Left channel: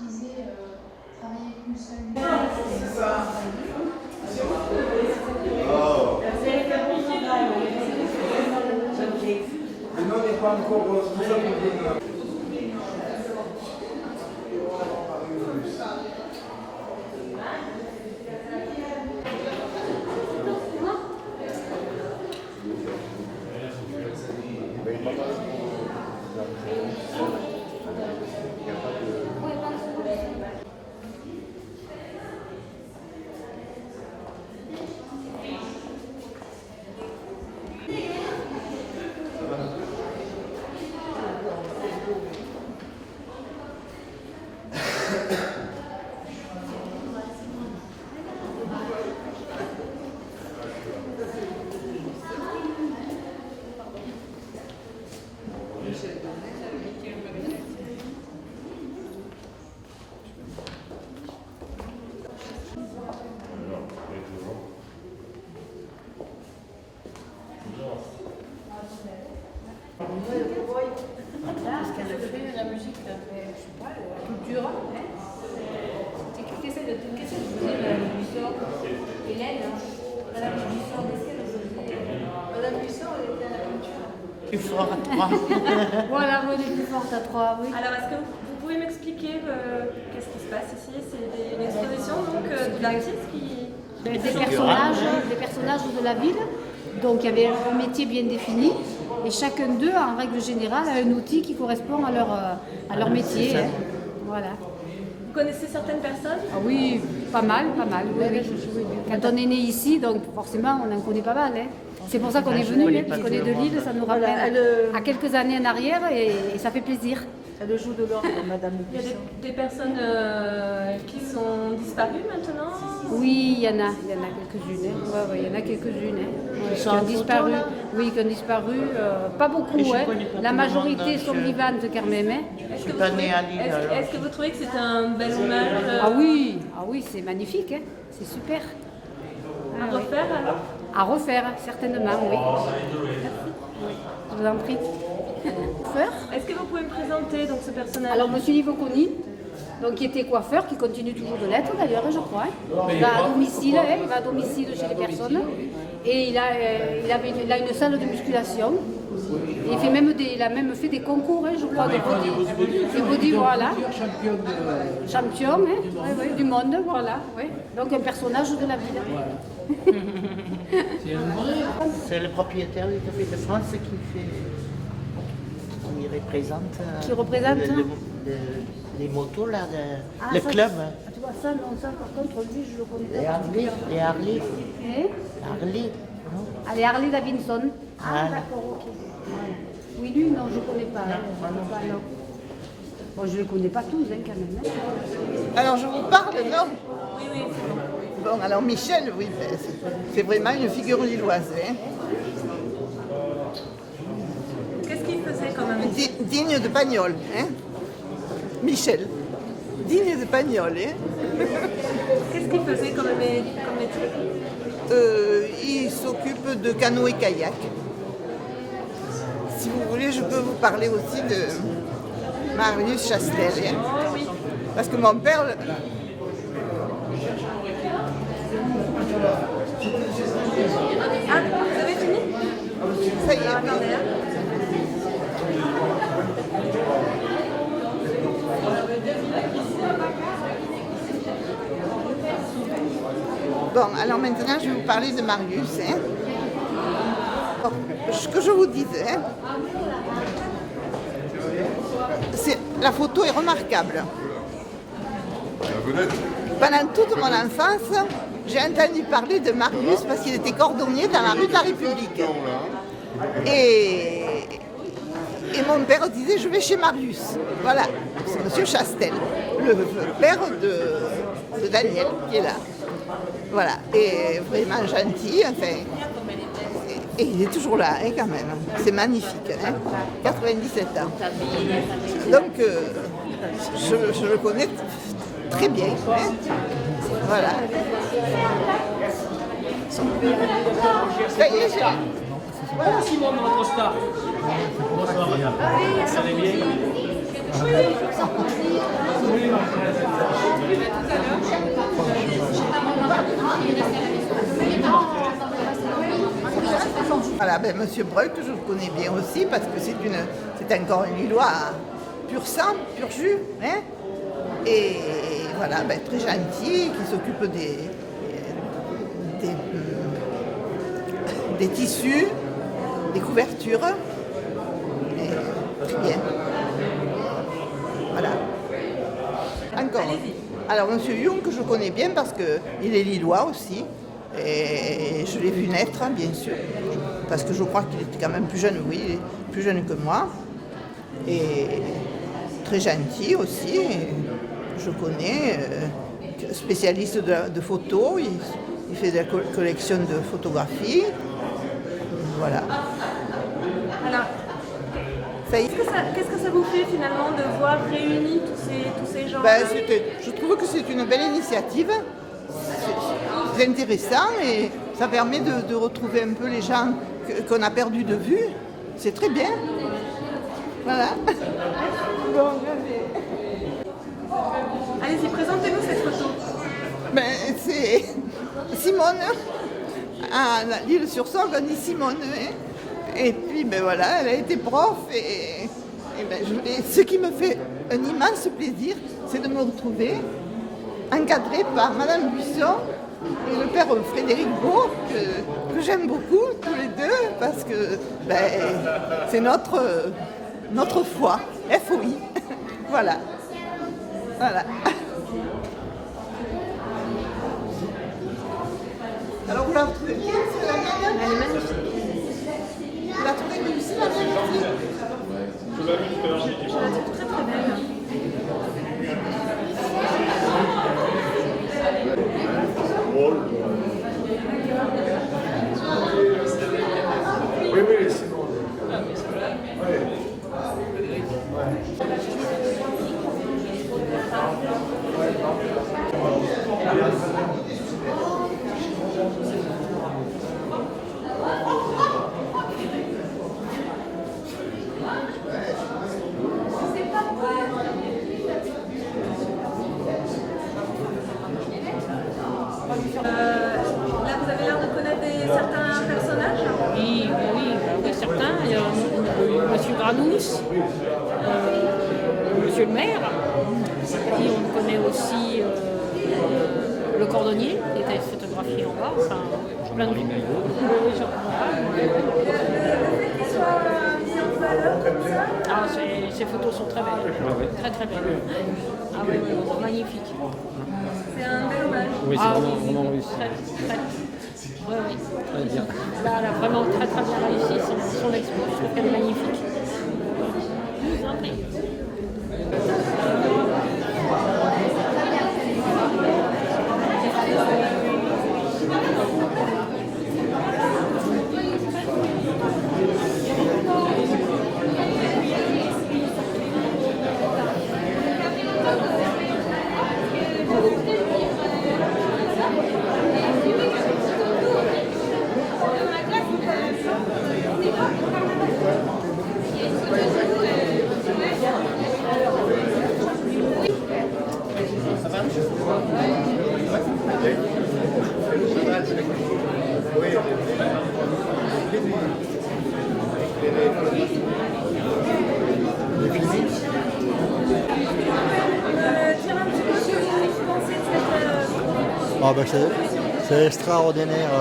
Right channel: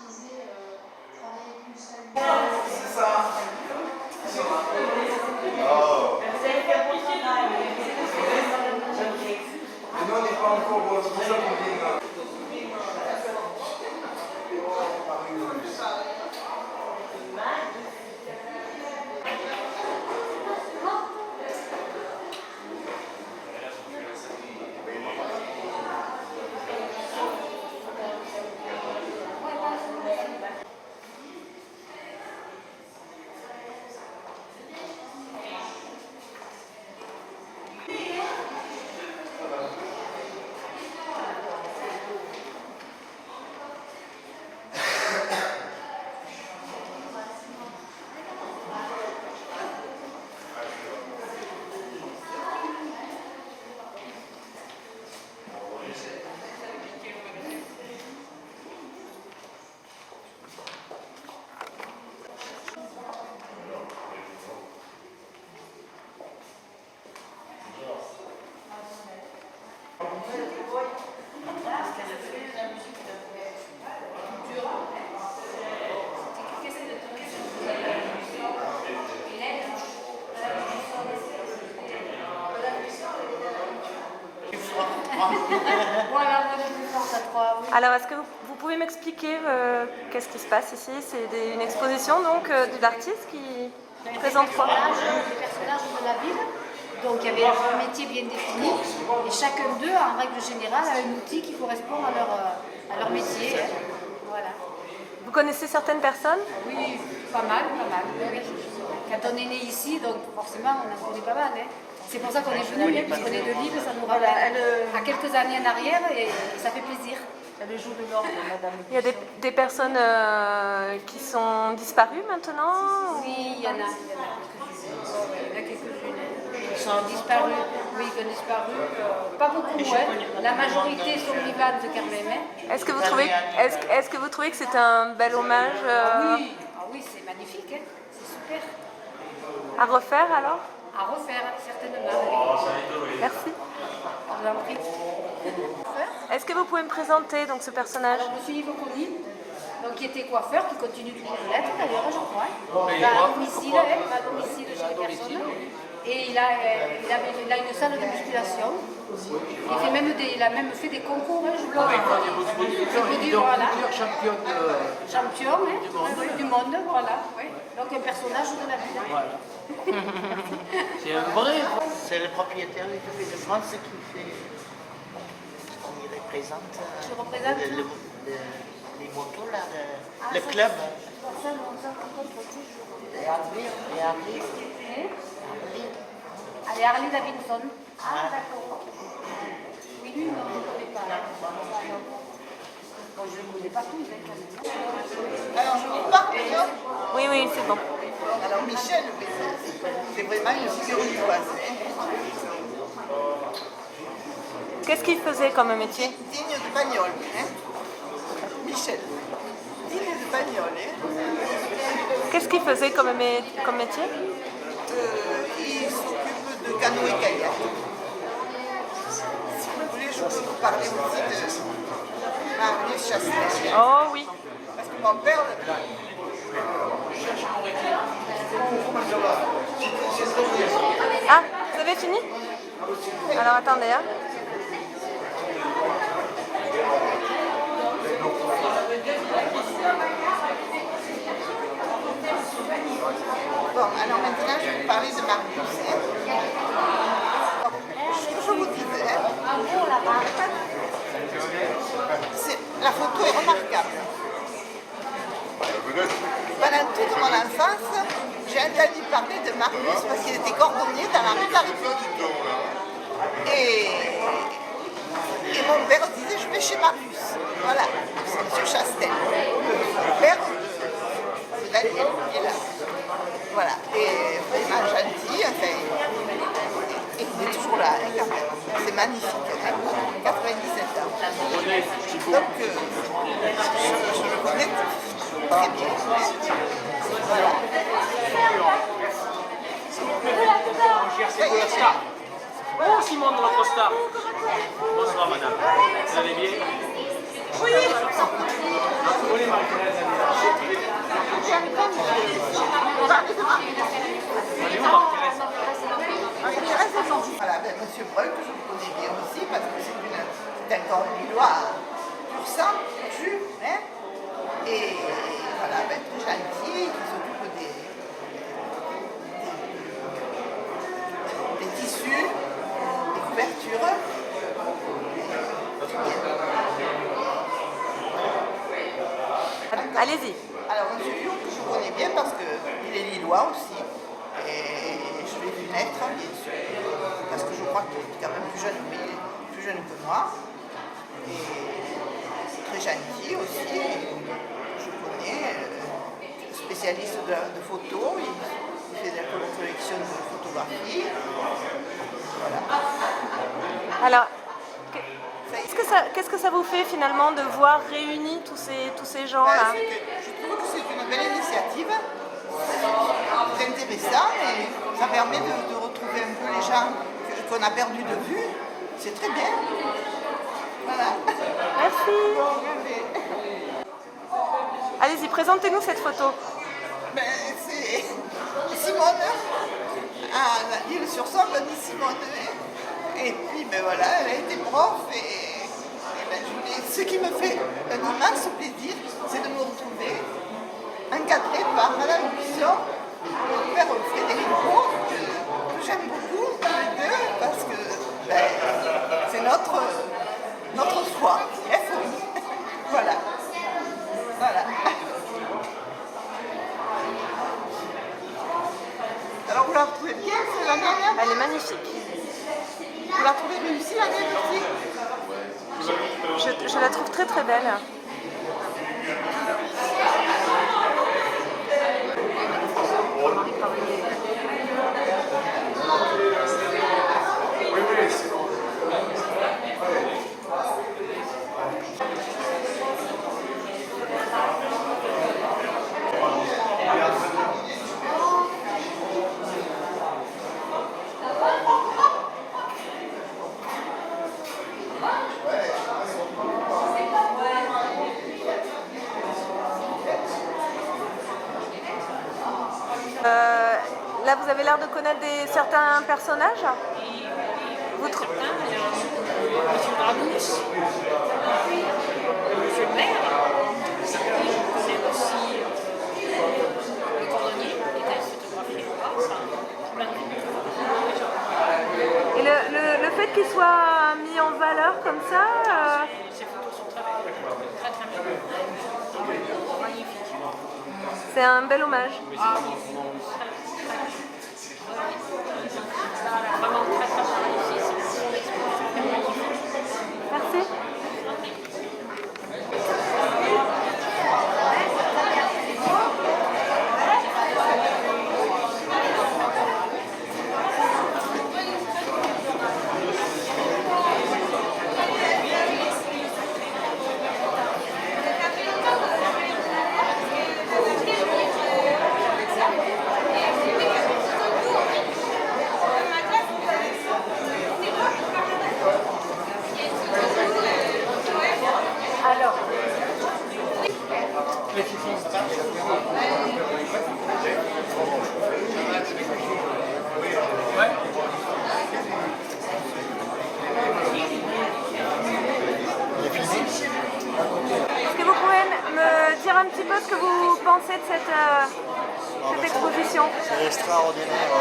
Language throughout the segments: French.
disait travailler avec une seule. C'est ça. Oh. Et nous, on n'est pas encore. C'est pour ça qu'on vient. Voilà, moi, le plus forte à 3. Oui. Alors, est-ce que vous pouvez m'expliquer qu'est-ce qui se passe ici? C'est une exposition donc de l'artiste qui présente Des personnages de la ville. Donc, il y avait un métier bien défini et chacun d'eux, en règle générale, a un outil qui correspond à leur métier. Hein. Voilà. Vous connaissez certaines personnes? Ah oui, pas mal, oui, oui. Quand on est né ici, donc forcément, on en connaît pas mal. Hein. C'est pour ça qu'on est venu, parce qu'on est de Lille, ça nous rappelle à quelques années en arrière et ça fait plaisir. Elle joue de l'orgue, madame. Il y a des personnes qui sont disparues maintenant? Oui, il y en a quelques-unes. Hein. Ouais, il y en a quelques-unes qui ont disparu. Oui, qui ont disparu. Pas beaucoup, hein. La majorité sont vivantes quand même. Hein. Est-ce que vous trouvez que c'est un bel hommage? Ah oui, c'est magnifique, hein. C'est super. À refaire alors? À refaire, certainement, oui. Merci. Je vous en prie. Est-ce que vous pouvez me présenter donc ce personnage? Alors, monsieur Yves Conny, donc, qui était coiffeur, qui continue toujours de l'être d'ailleurs, je crois. Il va à domicile, hein, il va à domicile chez les personnes. Et il a une salle de musculation. Il a même fait des concours, hein, je crois. Voilà. Champion hein, du monde, voilà. Oui. Donc un personnage de la ville. Voilà. C'est un vrai. C'est le propriétaire du Café de France qui représente. Qui représente les motos là, le club. Tu vois ça, non, ça par contre, lui, je le connais. Les Harley. Harley. Allez, Harley Davidson. Ah, d'accord, ok. Voilà. Oui, lui, non, je ne connais pas. Non. Bon, je ne les connais pas tous, hein, quand même. Alors, je vous parle, non? Oui, c'est bon. Bon, alors Michel, oui, c'est vraiment une figure lilloise. Hein. Qu'est-ce qu'il faisait comme métier? Digne de Pagnol. Hein. Michel, digne de Pagnol. Hein. Qu'est-ce qu'il faisait comme métier? Il s'occupe de canoë-kayak. Si vous voulez, je peux vous parler aussi de Marius Chastel. Hein. Oh oui. Parce que mon père... Ah, vous avez fini? Alors attendez. Hein. Bon, alors maintenant, je vais vous parler de Marius. Hein. Bon, ce que je vous disais, hein, la photo est remarquable. Pendant toute mon enfance, j'ai entendu parler de Marius parce qu'il était cordonnier dans la rue de la République. Et mon père disait, je vais chez Marius. Voilà, c'est monsieur Chastel, le père de Daniel qui est là. Voilà, et vraiment gentil, enfin, et il est toujours là, hein, quand même. C'est magnifique, hein, 97 ans. Donc, je le connais très bien. Hein. Voilà. Voilà Simon, notre star. Bonsoir madame. Vous allez bien? Voilà, ben, Monsieur Breuil, que je connais bien aussi, parce que c'est encore un Lillois pur sang, pur jus. Hein, et voilà, ben, très gentil, qui s'occupe des tissus, des couvertures. Et très bien. Voilà. Encore. Allez-y. Alors, Monsieur Lyon, que je connais bien parce qu'il est Lillois aussi. Et je l'ai vu naître, hein, bien sûr, parce que je crois qu'il était quand même plus jeune, oui, plus jeune que moi. Et très gentil aussi, je connais, spécialiste de photos, il fait de la collection de photographies. Voilà. Alors, qu'est-ce que ça vous fait finalement de voir réunis tous ces gens-là? Je trouve que c'est une belle initiative. C'est intéressant et ça permet de retrouver un peu les gens qu'on a perdus de vue. C'est très bien. Voilà. Merci. Allez-y, présentez-nous cette photo. Ben, c'est Simone, à l'île-sur-Sorgue, Annie Simone. Hein. Et puis, ben voilà, elle a été prof et ben, ce qui me fait un immense plaisir, c'est de me retrouver encadrée par Madame Buisson et le père Frédéric Beau, que j'aime beaucoup, tous les deux, parce que ben, c'est notre foi, FOI. Voilà. Voilà. Alors vous la retrouvez bien, c'est la grande? Elle est magnifique. Vous la trouvez bien ici, la mienne aussi? Je la trouve très très belle. Oui, oui, sinon. Là, vous avez l'air de connaître certains personnages. Oui, certains. Il y a M. Granous, M. le maire, qui on connaît aussi le cordonnier, qui était photographié en bas, enfin plein de gens. Et le fait qu'il soit mis en valeur comme ça, Ces photos sont très belles, très très belles. Ah ouais, magnifique. c'est un bel hommage. Oui, Ah c'est oui, vraiment réussi. très. Ouais, oui. Là, elle a vraiment très très bien réussi son expo, je trouve qu'elle est magnifique. Merci. Je vous en prie. Est-ce que vous pouvez me dire un petit peu ce que vous pensez de cette exposition? C'est extraordinaire.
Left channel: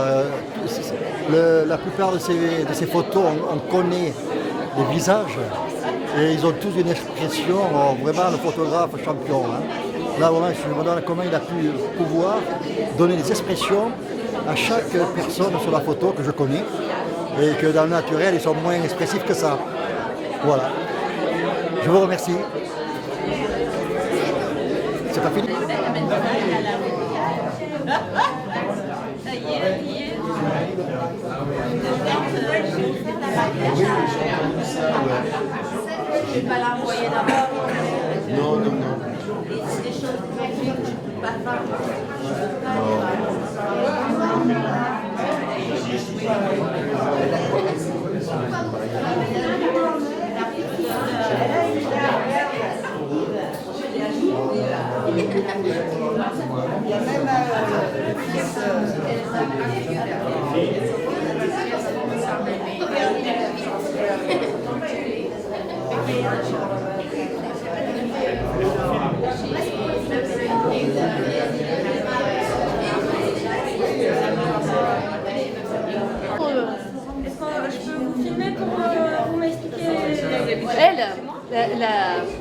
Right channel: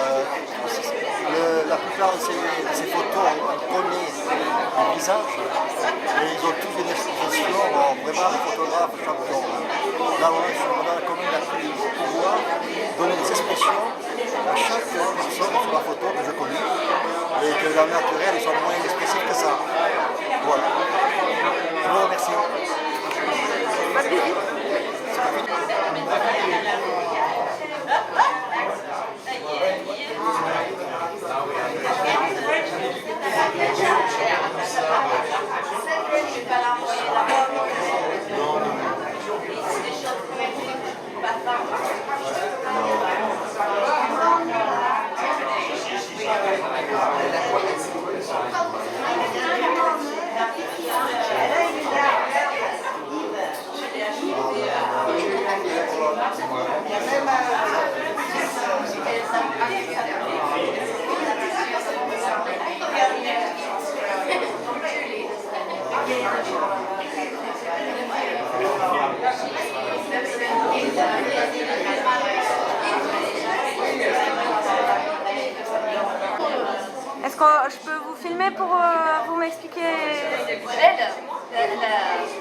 La plupart de ces photos, on connaît les visages et ils ont tous une expression vraiment de photographe champion. Hein. Là, vraiment, je me demande comment il a pu pouvoir donner des expressions à chaque personne sur la photo que je connais et que dans le naturel, ils sont moins expressifs que ça. Voilà. Je vous remercie. C'est pas fini. Je vais pas l'envoyer d'abord. Non. Des choses Elle a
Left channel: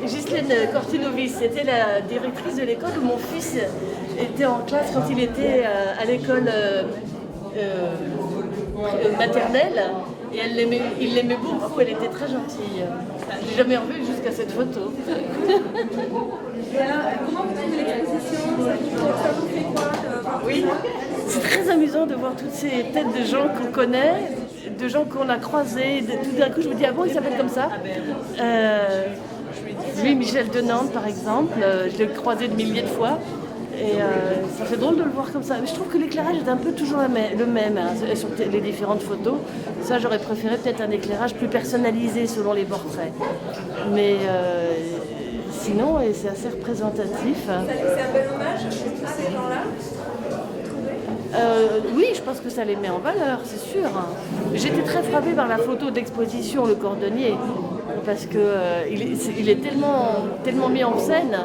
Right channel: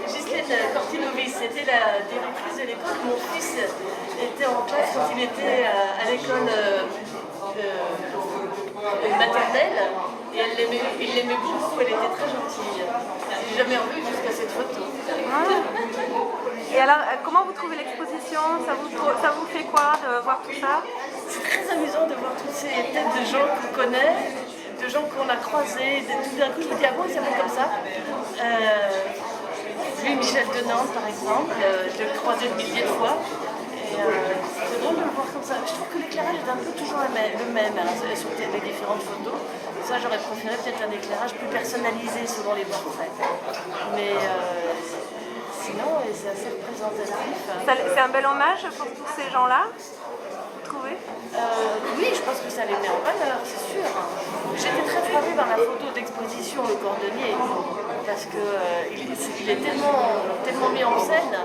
Ghislaine Cortinovis, c'était la directrice de l'école où mon fils était en classe quand il était à l'école maternelle. Et il l'aimait beaucoup, elle était très gentille. J'ai jamais revu jusqu'à cette photo. Et alors, comment vous trouvez l'exposition? Ça vous fait quoi de voir tout ça? C'est très amusant de voir toutes ces têtes de gens qu'on connaît, de gens qu'on a croisés. Tout d'un coup, je me dis, ah bon, il s'appelle comme ça. Lui, Michel de Nantes, par exemple, je l'ai croisé de milliers de fois. Et c'est drôle de le voir comme ça. Mais je trouve que l'éclairage est un peu toujours le même hein, sur les différentes photos. Ça, j'aurais préféré peut-être un éclairage plus personnalisé selon les portraits. Mais sinon, c'est assez représentatif. C'est un bel hommage pour tous ces gens-là, vous trouvez? Oui, je pense que ça les met en valeur, c'est sûr. J'étais très frappée par la photo d'exposition, le cordonnier, parce qu'il est tellement mis en scène,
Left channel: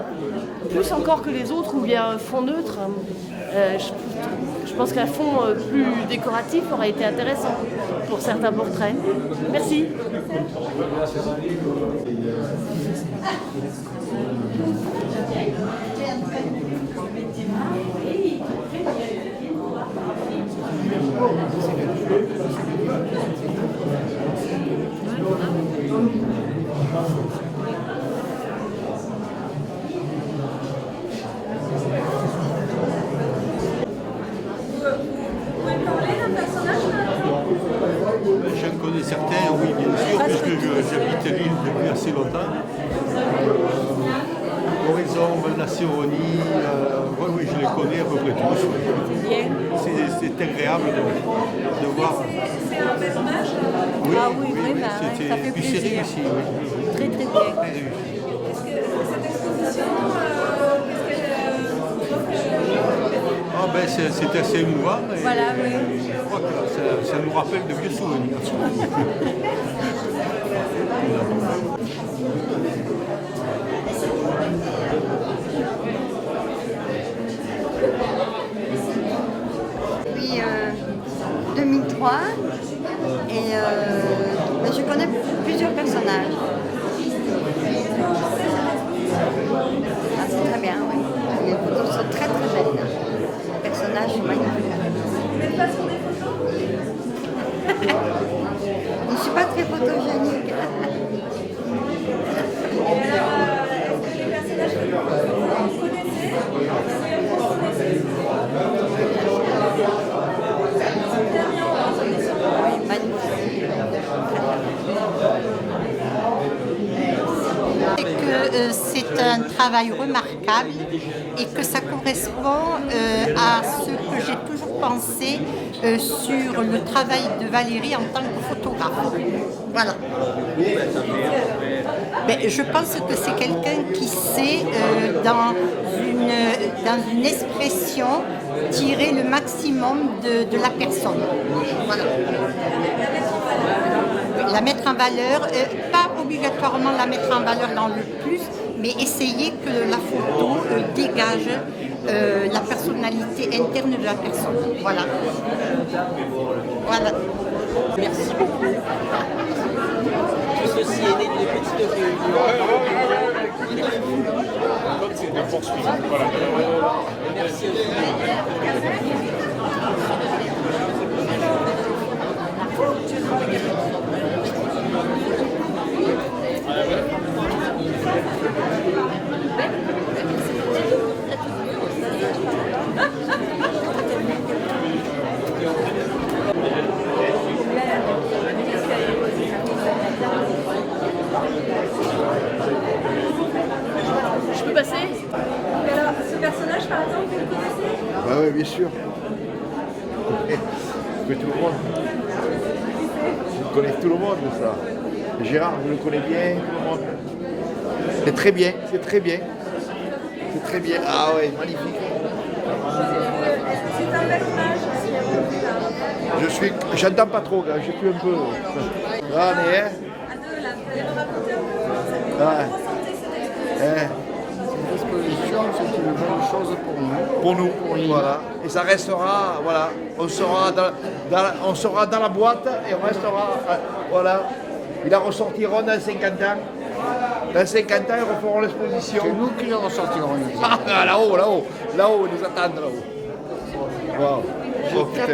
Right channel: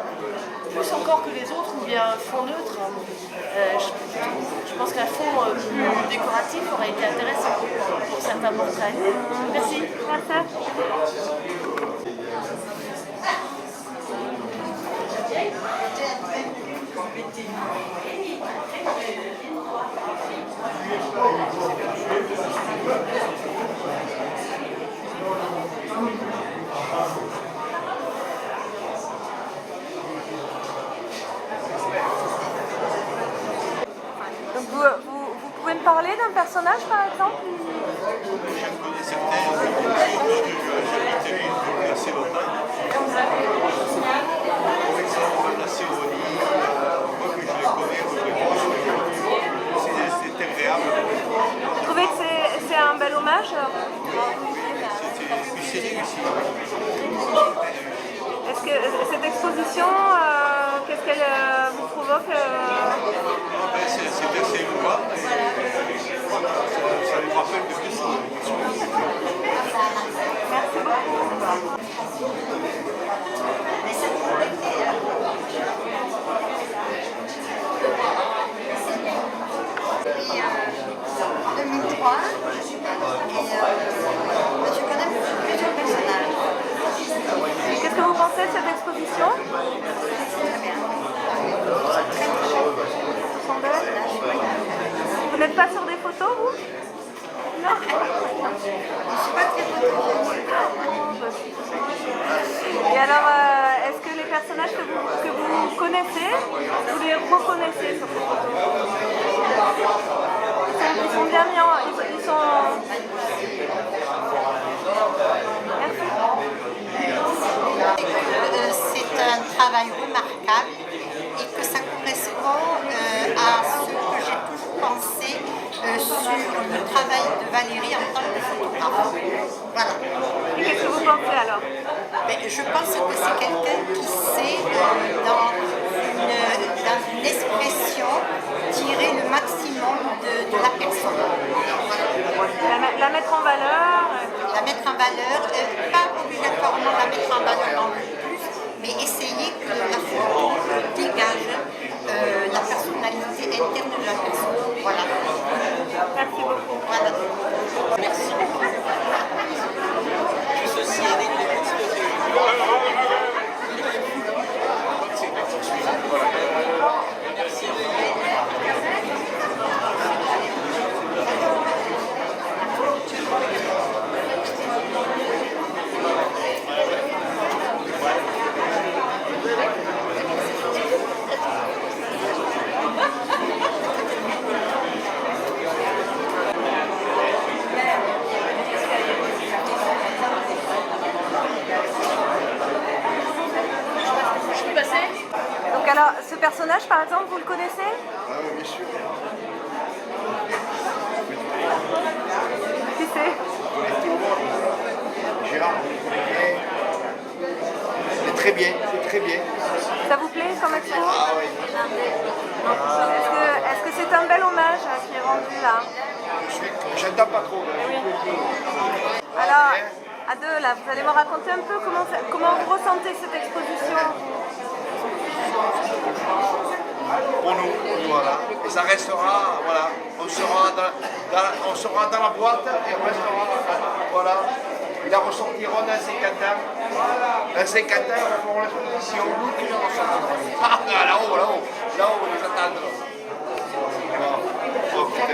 plus encore que les autres, ou bien fond neutre. Je pense qu'un fond plus décoratif aurait été intéressant pour certains portraits. Merci. Vous pouvez me parler d'un personnage par exemple? J'en connais certains, oui, bien sûr, puisque j'habite l'île depuis assez longtemps. Horizon, Nacéronie, oui, je les connais à peu près tous. C'est agréable de Vous trouvez voir. que c'est un bel hommage? Oui, Ah oui, ça fait puis c'est réussi, oui. Très réussi. Est-ce que cette exposition, qu'est-ce qu'elle provoque Ah ben, c'est assez émouvant et je crois que ça nous rappelle de vieux souvenirs. Depuis 2003 et je connais plusieurs personnages. Qu'est-ce que vous pensez de cette exposition? Ah, c'est très bien, oui. Les photos sont très très belles. Les personnages magnifiques. Vous n'êtes pas sur des photos, vous? Je ne suis pas très photogénique. Et alors, est-ce que les personnages que vous connaissez, vous les reconnaissez? Ils sont bien mis ils sont Magnifiques. Et que c'est un travail remarquable et que ça correspond à ce que j'ai toujours pensé sur le travail de Valérie en tant que photographe. Voilà. Qu'est-ce que vous pensez alors? Je pense que c'est quelqu'un qui sait, dans une expression, tirer le maximum de la personne. Voilà. La mettre en valeur? La mettre en valeur, pas obligatoirement la mettre en valeur dans le plus, mais essayer que la photo dégage la personnalité interne de la personne. Voilà. Voilà. Merci beaucoup. Ceci est né d'une petite réunion. Merci. Je peux passer? Donc alors, ce personnage par exemple, vous le connaissez? Ah oui, bien sûr. Oui, tout le monde. Qui c'est? Vous connaissez tout le monde, ça. Gérard, vous le connaissez bien. C'est très bien, c'est très bien. Ça vous plaît? C'est très bien. Ah oui, magnifique. Est-ce que c'est un bel hommage qui est rendu là? J'entends pas trop, là, je suis un peu. Alors, mais, à deux là, vous allez me raconter un peu comment vous ressentez cette exposition? L'exposition, c'est une bonne chose pour nous. Pour nous, voilà. Et ça restera, voilà, on sera dans la boîte et on restera, voilà. Il la ressortira dans 50 ans. Dans 50 ans, ils referont l'exposition. C'est nous qui les ressortirons. Ah, là-haut, ils nous attendent là-haut. Wow. Oh, putain.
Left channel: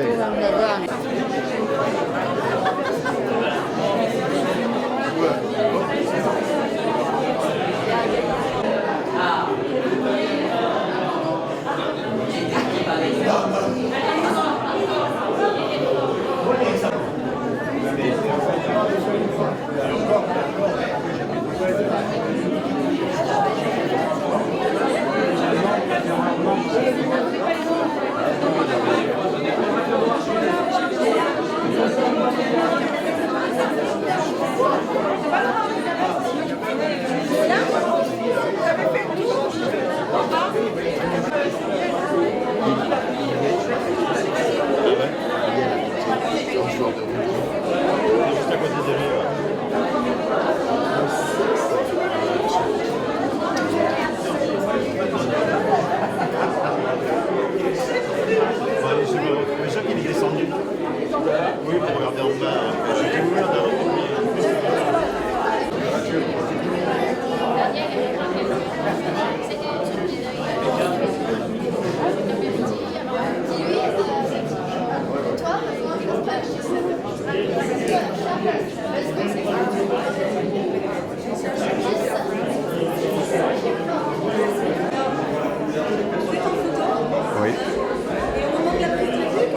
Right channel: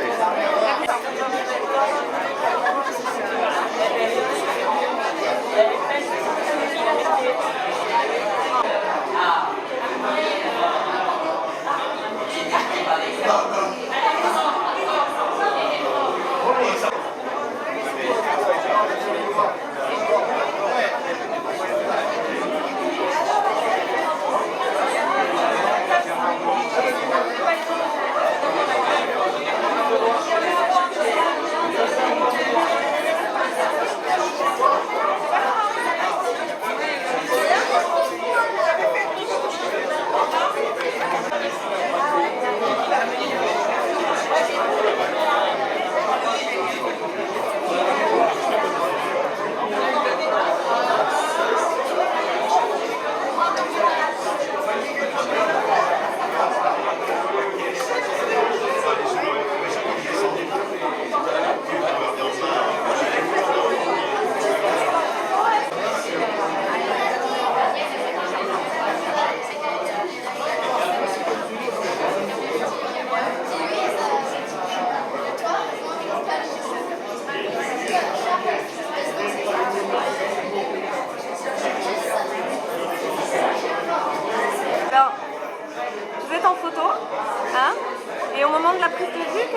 Alors, vous êtes en photo, Oui. hein, et au moment de la prise de vue,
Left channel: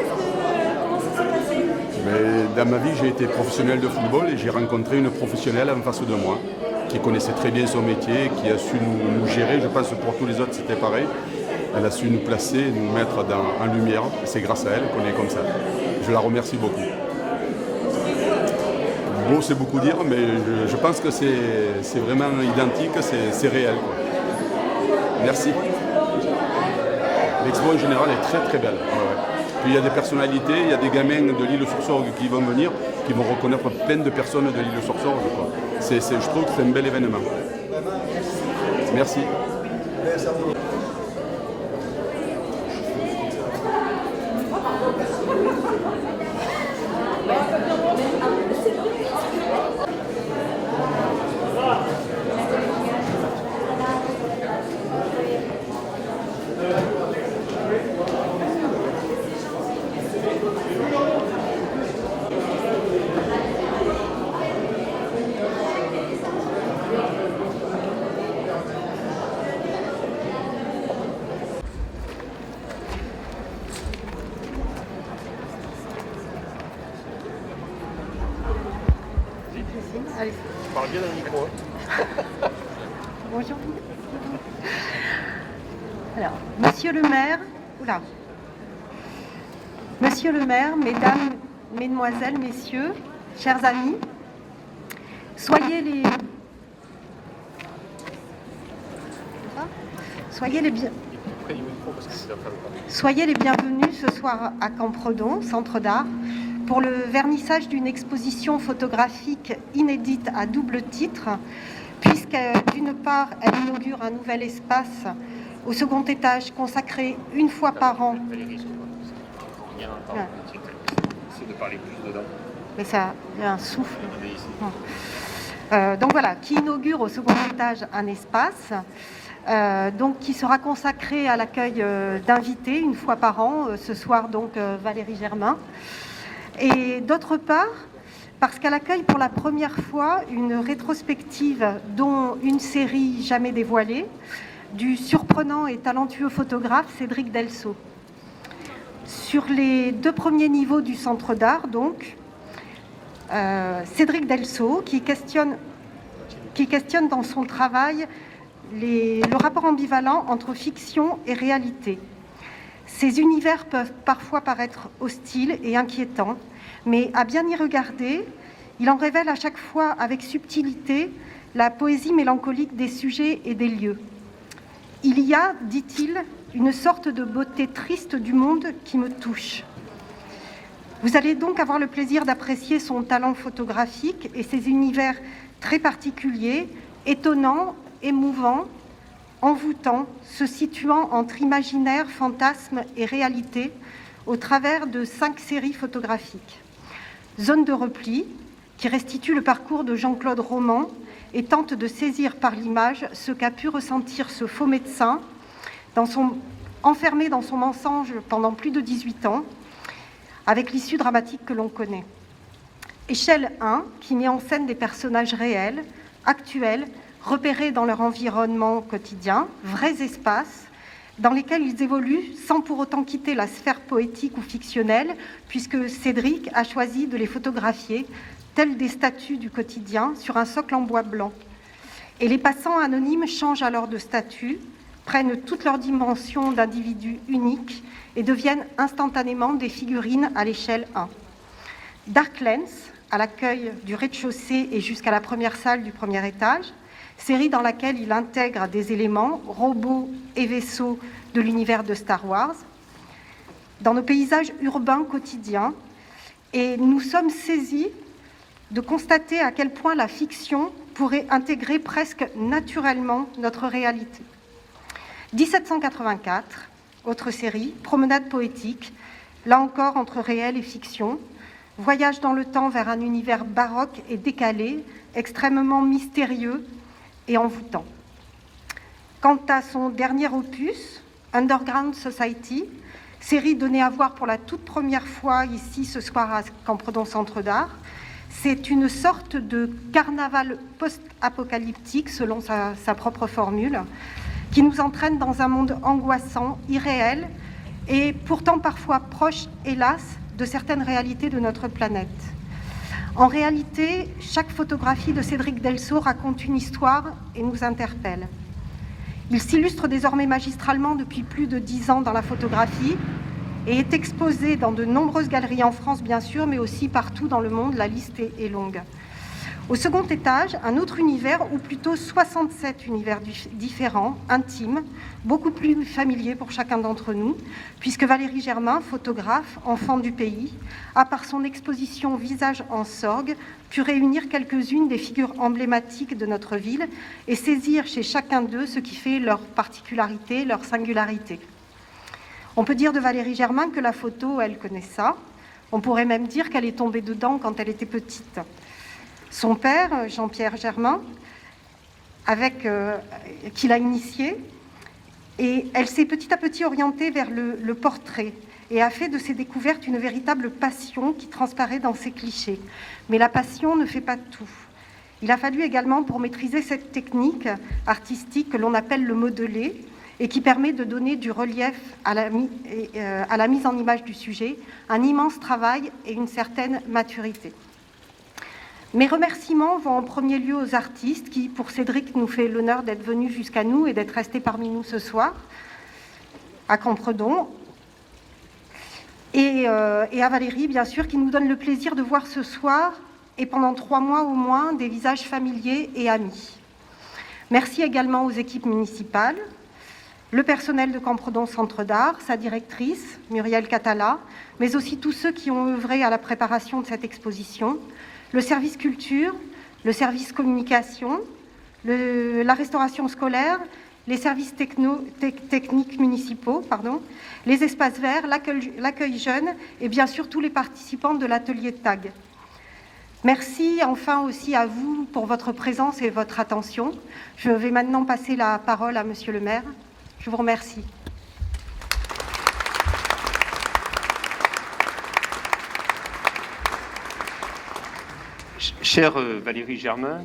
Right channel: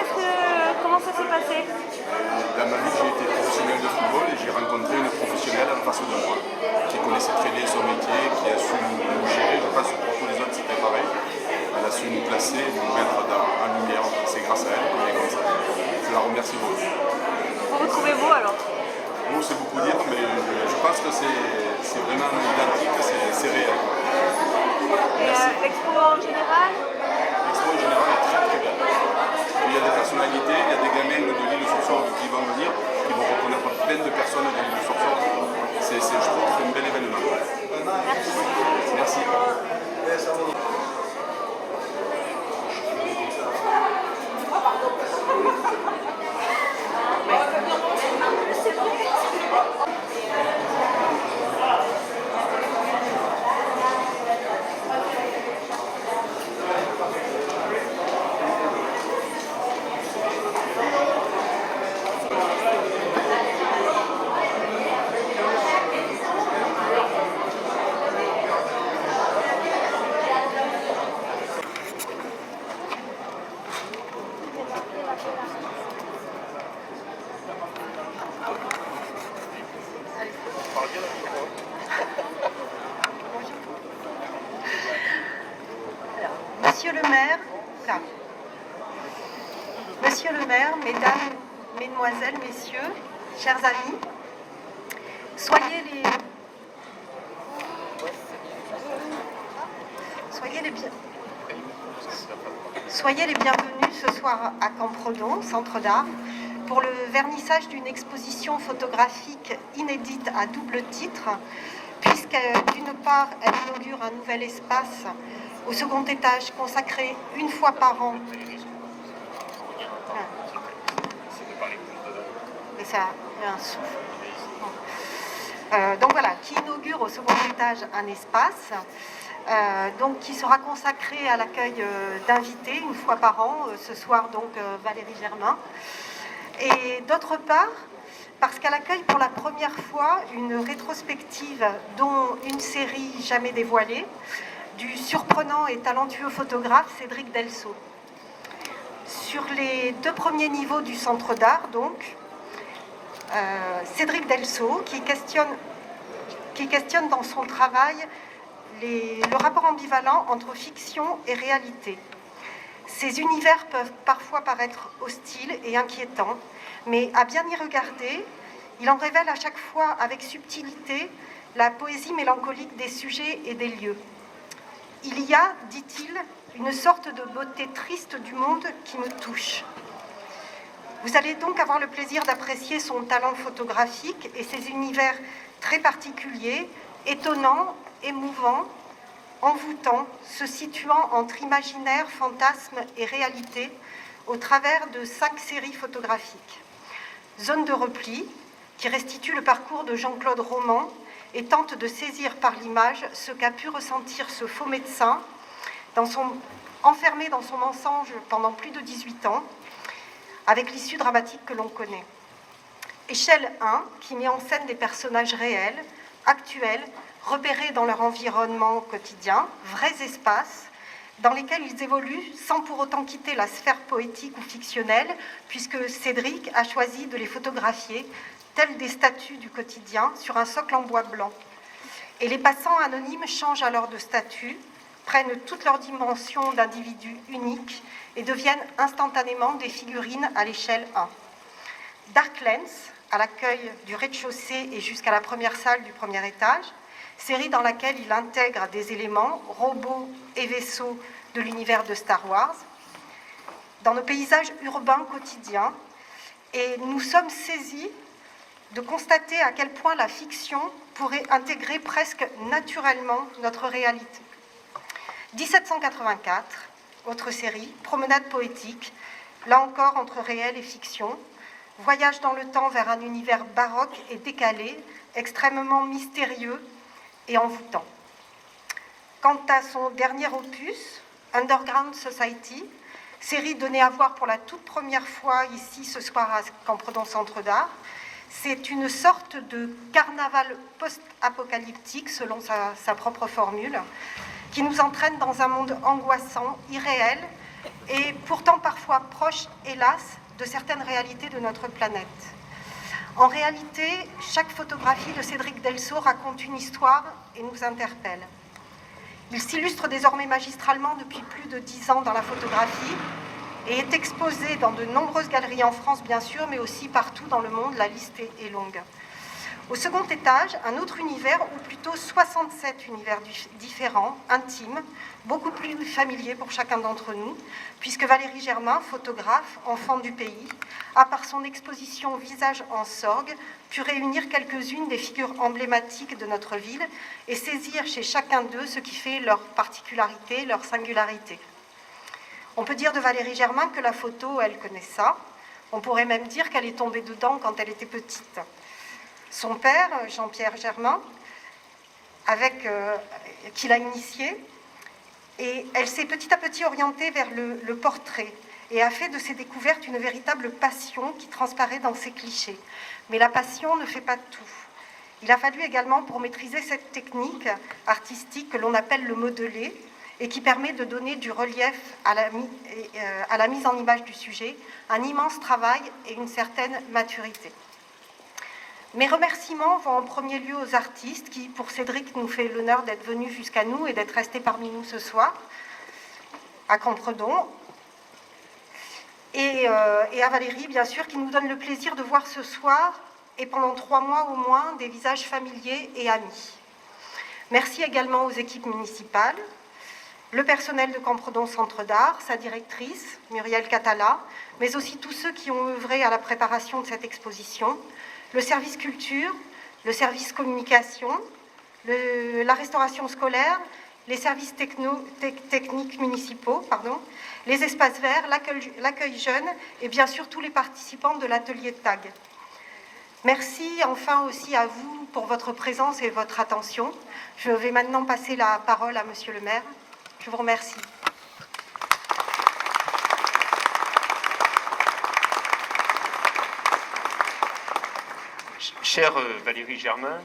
comment ça s'est passé? Mais dans ma vie, j'ai été professionnel de football et j'ai rencontré une professionnelle en face de moi qui connaissait très bien son métier, qui a su nous gérer. Je pense que pour tous les autres, c'était pareil. Elle a su nous placer, nous mettre en lumière. C'est grâce à elle qu'on est comme ça. Je la remercie beaucoup. Vous retrouvez-vous alors? Bon, c'est beaucoup dire, mais je pense que c'est vraiment identique, c'est réel, quoi. Merci. L'expo en général? L'expo en général est très très belle. Ouais, ouais. Puis il y a des personnalités, il y a des gamins de l'île-sur-Sorgue qui vont venir, qui vont reconnaître plein de personnes de l'île-sur-Sorgue. Je trouve que c'est un bel événement. Merci. Allez. Parle bien dans le micro. Bonjour. Alors, Monsieur le maire, oula. Monsieur le maire, mesdames, mesdemoiselles, messieurs, chers amis, soyez les bienvenus ce soir à Campredon, Centre d'Art, pour le vernissage d'une exposition photographique inédite à double titre, puisque d'une part, elle inaugure un nouvel espace au second étage consacré une fois par an. Mais ça, il y a un souffle. Donc voilà, qui inaugure au second étage un espace. Donc, qui sera consacré à l'accueil d'invités une fois par an, ce soir donc Valérie Germain. Et d'autre part, parce qu'elle accueille pour la première fois une rétrospective dont une série jamais dévoilée, du surprenant et talentueux photographe Cédric Delceau. Sur les 2 premiers niveaux du Centre d'Art, donc, Cédric Delceau, qui questionne dans son travail le rapport ambivalent entre fiction et réalité. Ces univers peuvent parfois paraître hostiles et inquiétants, mais à bien y regarder, il en révèle à chaque fois avec subtilité la poésie mélancolique des sujets et des lieux. Il y a, dit-il, une sorte de beauté triste du monde qui me touche. Vous allez donc avoir le plaisir d'apprécier son talent photographique et ses univers très particuliers, étonnants, émouvants, envoûtants, se situant entre imaginaire, fantasme et réalité au travers de 5 séries photographiques. Zone de repli, qui restitue le parcours de Jean-Claude Roman et tente de saisir par l'image ce qu'a pu ressentir ce faux médecin, enfermé dans son mensonge pendant plus de 18 ans, avec l'issue dramatique que l'on connaît. Échelle 1, qui met en scène des personnages réels, actuels, repérés dans leur environnement quotidien, vrais espaces, dans lesquels ils évoluent sans pour autant quitter la sphère poétique ou fictionnelle, puisque Cédric a choisi de les photographier, tels des statues du quotidien, sur un socle en bois blanc. Et les passants anonymes changent alors de statut, prennent toutes leurs dimensions d'individus uniques et deviennent instantanément des figurines à l'échelle 1. Dark Lens, à l'accueil du rez-de-chaussée et jusqu'à la première salle du premier étage, série dans laquelle il intègre des éléments, robots et vaisseaux de l'univers de Star Wars, dans nos paysages urbains quotidiens, et nous sommes saisis de constater à quel point la fiction pourrait intégrer presque naturellement notre réalité. 1784, autre série, promenade poétique, là encore entre réel et fiction, voyage dans le temps vers un univers baroque et décalé, extrêmement mystérieux et envoûtant. Quant à son dernier opus, Underground Society, série donnée à voir pour la toute première fois ici ce soir à Campredon Centre d'Art, c'est une sorte de carnaval post-apocalyptique, selon sa propre formule, qui nous entraîne dans un monde angoissant, irréel, et pourtant parfois proche, hélas, de certaines réalités de notre planète. En réalité, chaque photographie de Cédric Delceau raconte une histoire et nous interpelle. Il s'illustre désormais magistralement depuis plus de 10 ans dans la photographie et est exposé dans de nombreuses galeries en France, bien sûr, mais aussi partout dans le monde, la liste est longue. Au second étage, un autre univers, ou plutôt 67 univers différents, intimes, beaucoup plus familiers pour chacun d'entre nous, puisque Valérie Germain, photographe, enfant du pays, a par son exposition Visage en sorgue, pu réunir quelques-unes des figures emblématiques de notre ville et saisir chez chacun d'eux ce qui fait leur particularité, leur singularité. On peut dire de Valérie Germain que la photo, elle connaît ça. On pourrait même dire qu'elle est tombée dedans quand elle était petite. Son père, Jean-Pierre Germain, qui l'a initiée, et elle s'est petit à petit orientée vers le portrait et a fait de ses découvertes une véritable passion qui transparaît dans ses clichés. Mais la passion ne fait pas tout. Il a fallu également, pour maîtriser cette technique artistique que l'on appelle le modelé, et qui permet de donner du relief à la mise en image du sujet, un immense travail et une certaine maturité. Mes remerciements vont en premier lieu aux artistes qui, pour Cédric, nous fait l'honneur d'être venus jusqu'à nous et d'être restés parmi nous ce soir, à Campredon, et à Valérie, bien sûr, qui nous donne le plaisir de voir ce soir, et pendant 3 mois au moins, des visages familiers et amis. Merci également aux équipes municipales, le personnel de Campredon Centre d'Art, sa directrice, Muriel Catala, mais aussi tous ceux qui ont œuvré à la préparation de cette exposition, le service culture, le service communication, la restauration scolaire, les services techniques municipaux, les espaces verts, l'accueil jeune et bien sûr tous les participants de l'atelier TAG. Merci enfin aussi à vous pour votre présence et votre attention. Je vais maintenant passer la parole à Monsieur le maire. Je vous remercie. Chère Valérie Germain,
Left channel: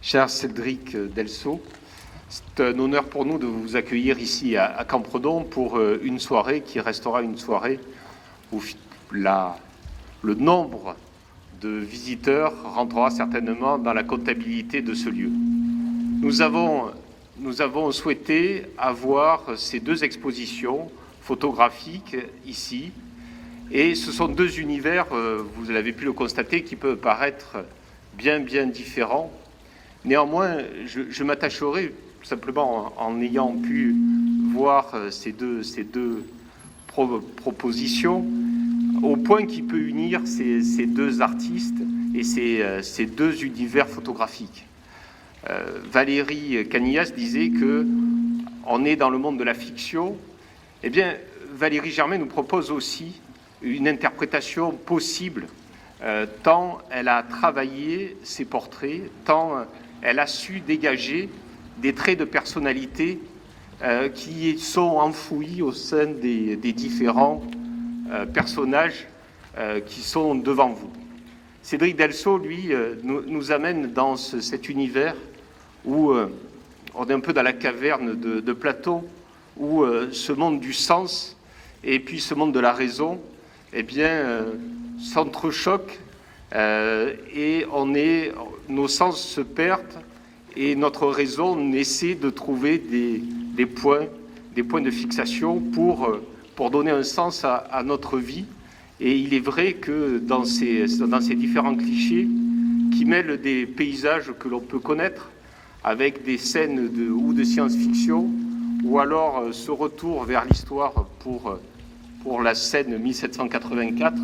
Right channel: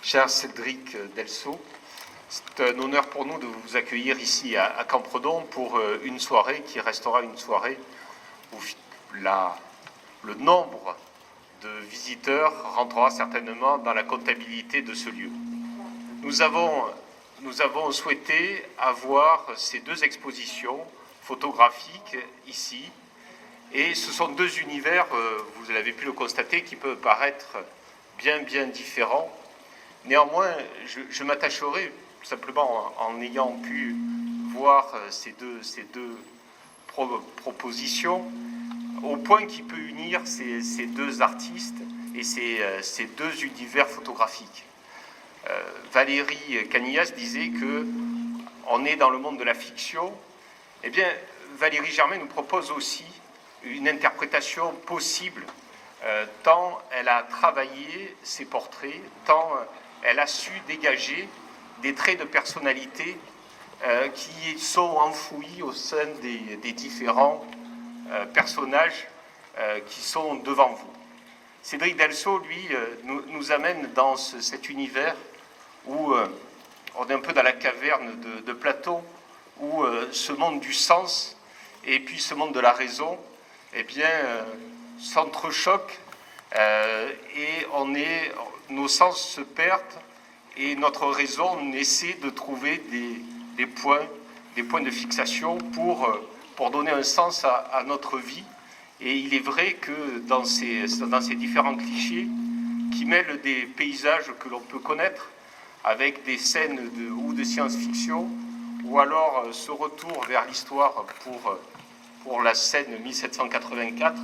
cher Cédric Delceau, c'est un honneur pour nous de vous accueillir ici à Campredon pour une soirée qui restera une soirée où le nombre de visiteurs rentrera certainement dans la comptabilité de ce lieu. Nous avons souhaité avoir ces 2 expositions photographiques ici, et ce sont 2 univers, vous l'avez pu le constater, qui peuvent paraître bien différents. Néanmoins, je m'attacherai simplement en ayant pu voir ces deux propositions au point qui peut unir ces 2 artistes et ces 2 univers photographiques. Valérie Canillas disait que on est dans le monde de la fiction. Eh bien, Valérie Germain nous propose aussi une interprétation possible tant elle a travaillé ses portraits, tant elle a su dégager des traits de personnalité qui sont enfouis au sein des différents personnages qui sont devant vous. Cédric Delceau, lui, nous amène dans cet univers où on est un peu dans la caverne de Platon, où ce monde du sens et puis ce monde de la raison, eh bien, s'entrechoquent et nos sens se perdent et notre raison essaie de trouver des points de fixation pour donner un sens à notre vie. Et il est vrai que dans ces différents clichés qui mêlent des paysages que l'on peut connaître avec des scènes de science-fiction ou alors ce retour vers l'histoire pour la scène 1784,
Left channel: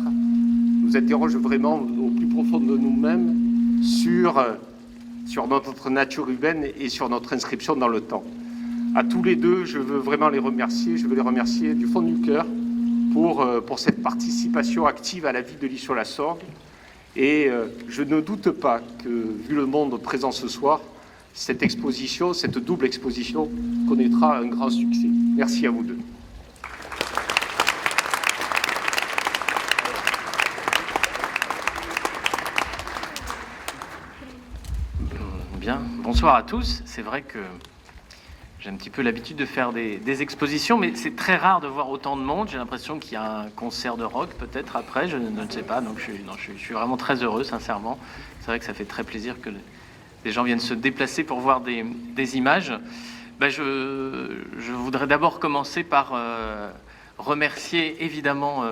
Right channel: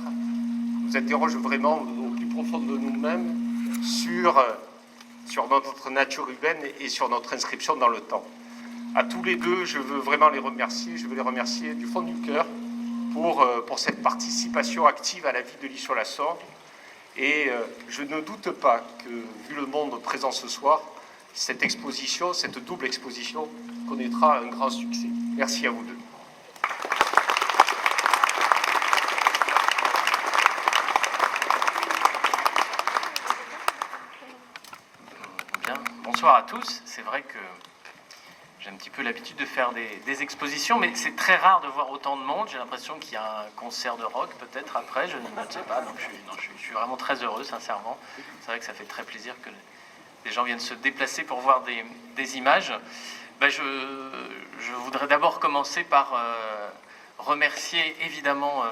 nous interroge vraiment au plus profond de nous-mêmes sur notre nature humaine et sur notre inscription dans le temps. À tous les deux, je veux vraiment les remercier. Je veux les remercier du fond du cœur pour cette participation active à la vie de l'Isle-sur-la-Sorgue. Et je ne doute pas que, vu le monde présent ce soir, cette exposition, cette double exposition, connaîtra un grand succès. Merci à vous deux. Bien, bonsoir à tous. C'est vrai que j'ai un petit peu l'habitude de faire des expositions, mais c'est très rare de voir autant de monde. J'ai l'impression qu'il y a un concert de rock peut-être après, je ne sais pas. Donc je suis vraiment très heureux, sincèrement. C'est vrai que ça fait très plaisir que les gens viennent se déplacer pour voir des images. Je voudrais d'abord commencer par remercier évidemment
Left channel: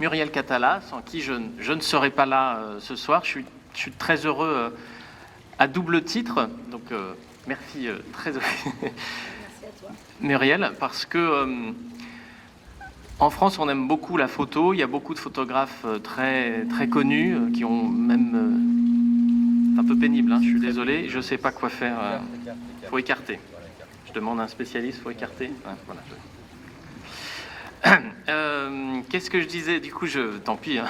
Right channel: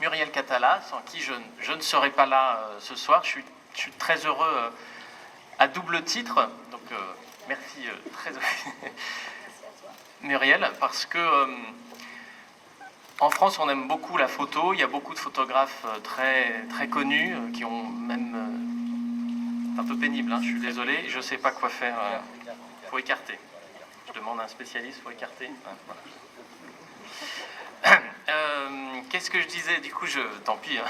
Muriel Catala, sans qui je ne serais pas là ce soir. Je suis très heureux à double titre. Donc merci très Muriel, parce que en France on aime beaucoup la photo. Il y a beaucoup de photographes très très connus qui ont même c'est un peu pénible, hein, je suis désolé, je ne sais pas quoi faire. Faut écarter. Je demande à un spécialiste, faut écarter. Voilà. Qu'est-ce que je disais? Du coup, tant pis, hein.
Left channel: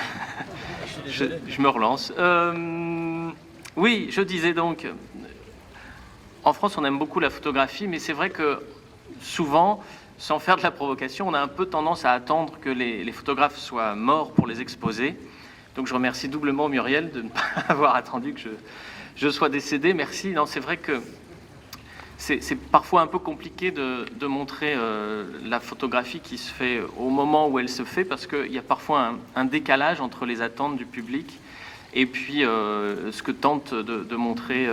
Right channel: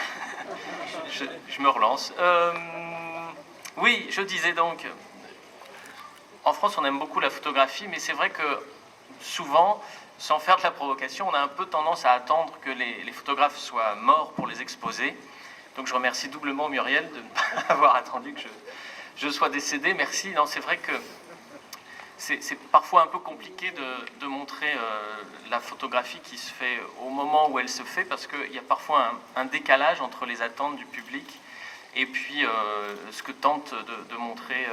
je me relance. Oui, je disais donc, en France, on aime beaucoup la photographie, mais c'est vrai que souvent, sans faire de la provocation, on a un peu tendance à attendre que les photographes soient morts pour les exposer. Donc je remercie doublement Muriel de ne pas avoir attendu que je sois décédé. Merci. Non, c'est vrai que c'est parfois un peu compliqué de montrer la photographie qui se fait au moment où elle se fait, parce qu'il y a parfois un décalage entre les attentes du public et puis ce que tente de montrer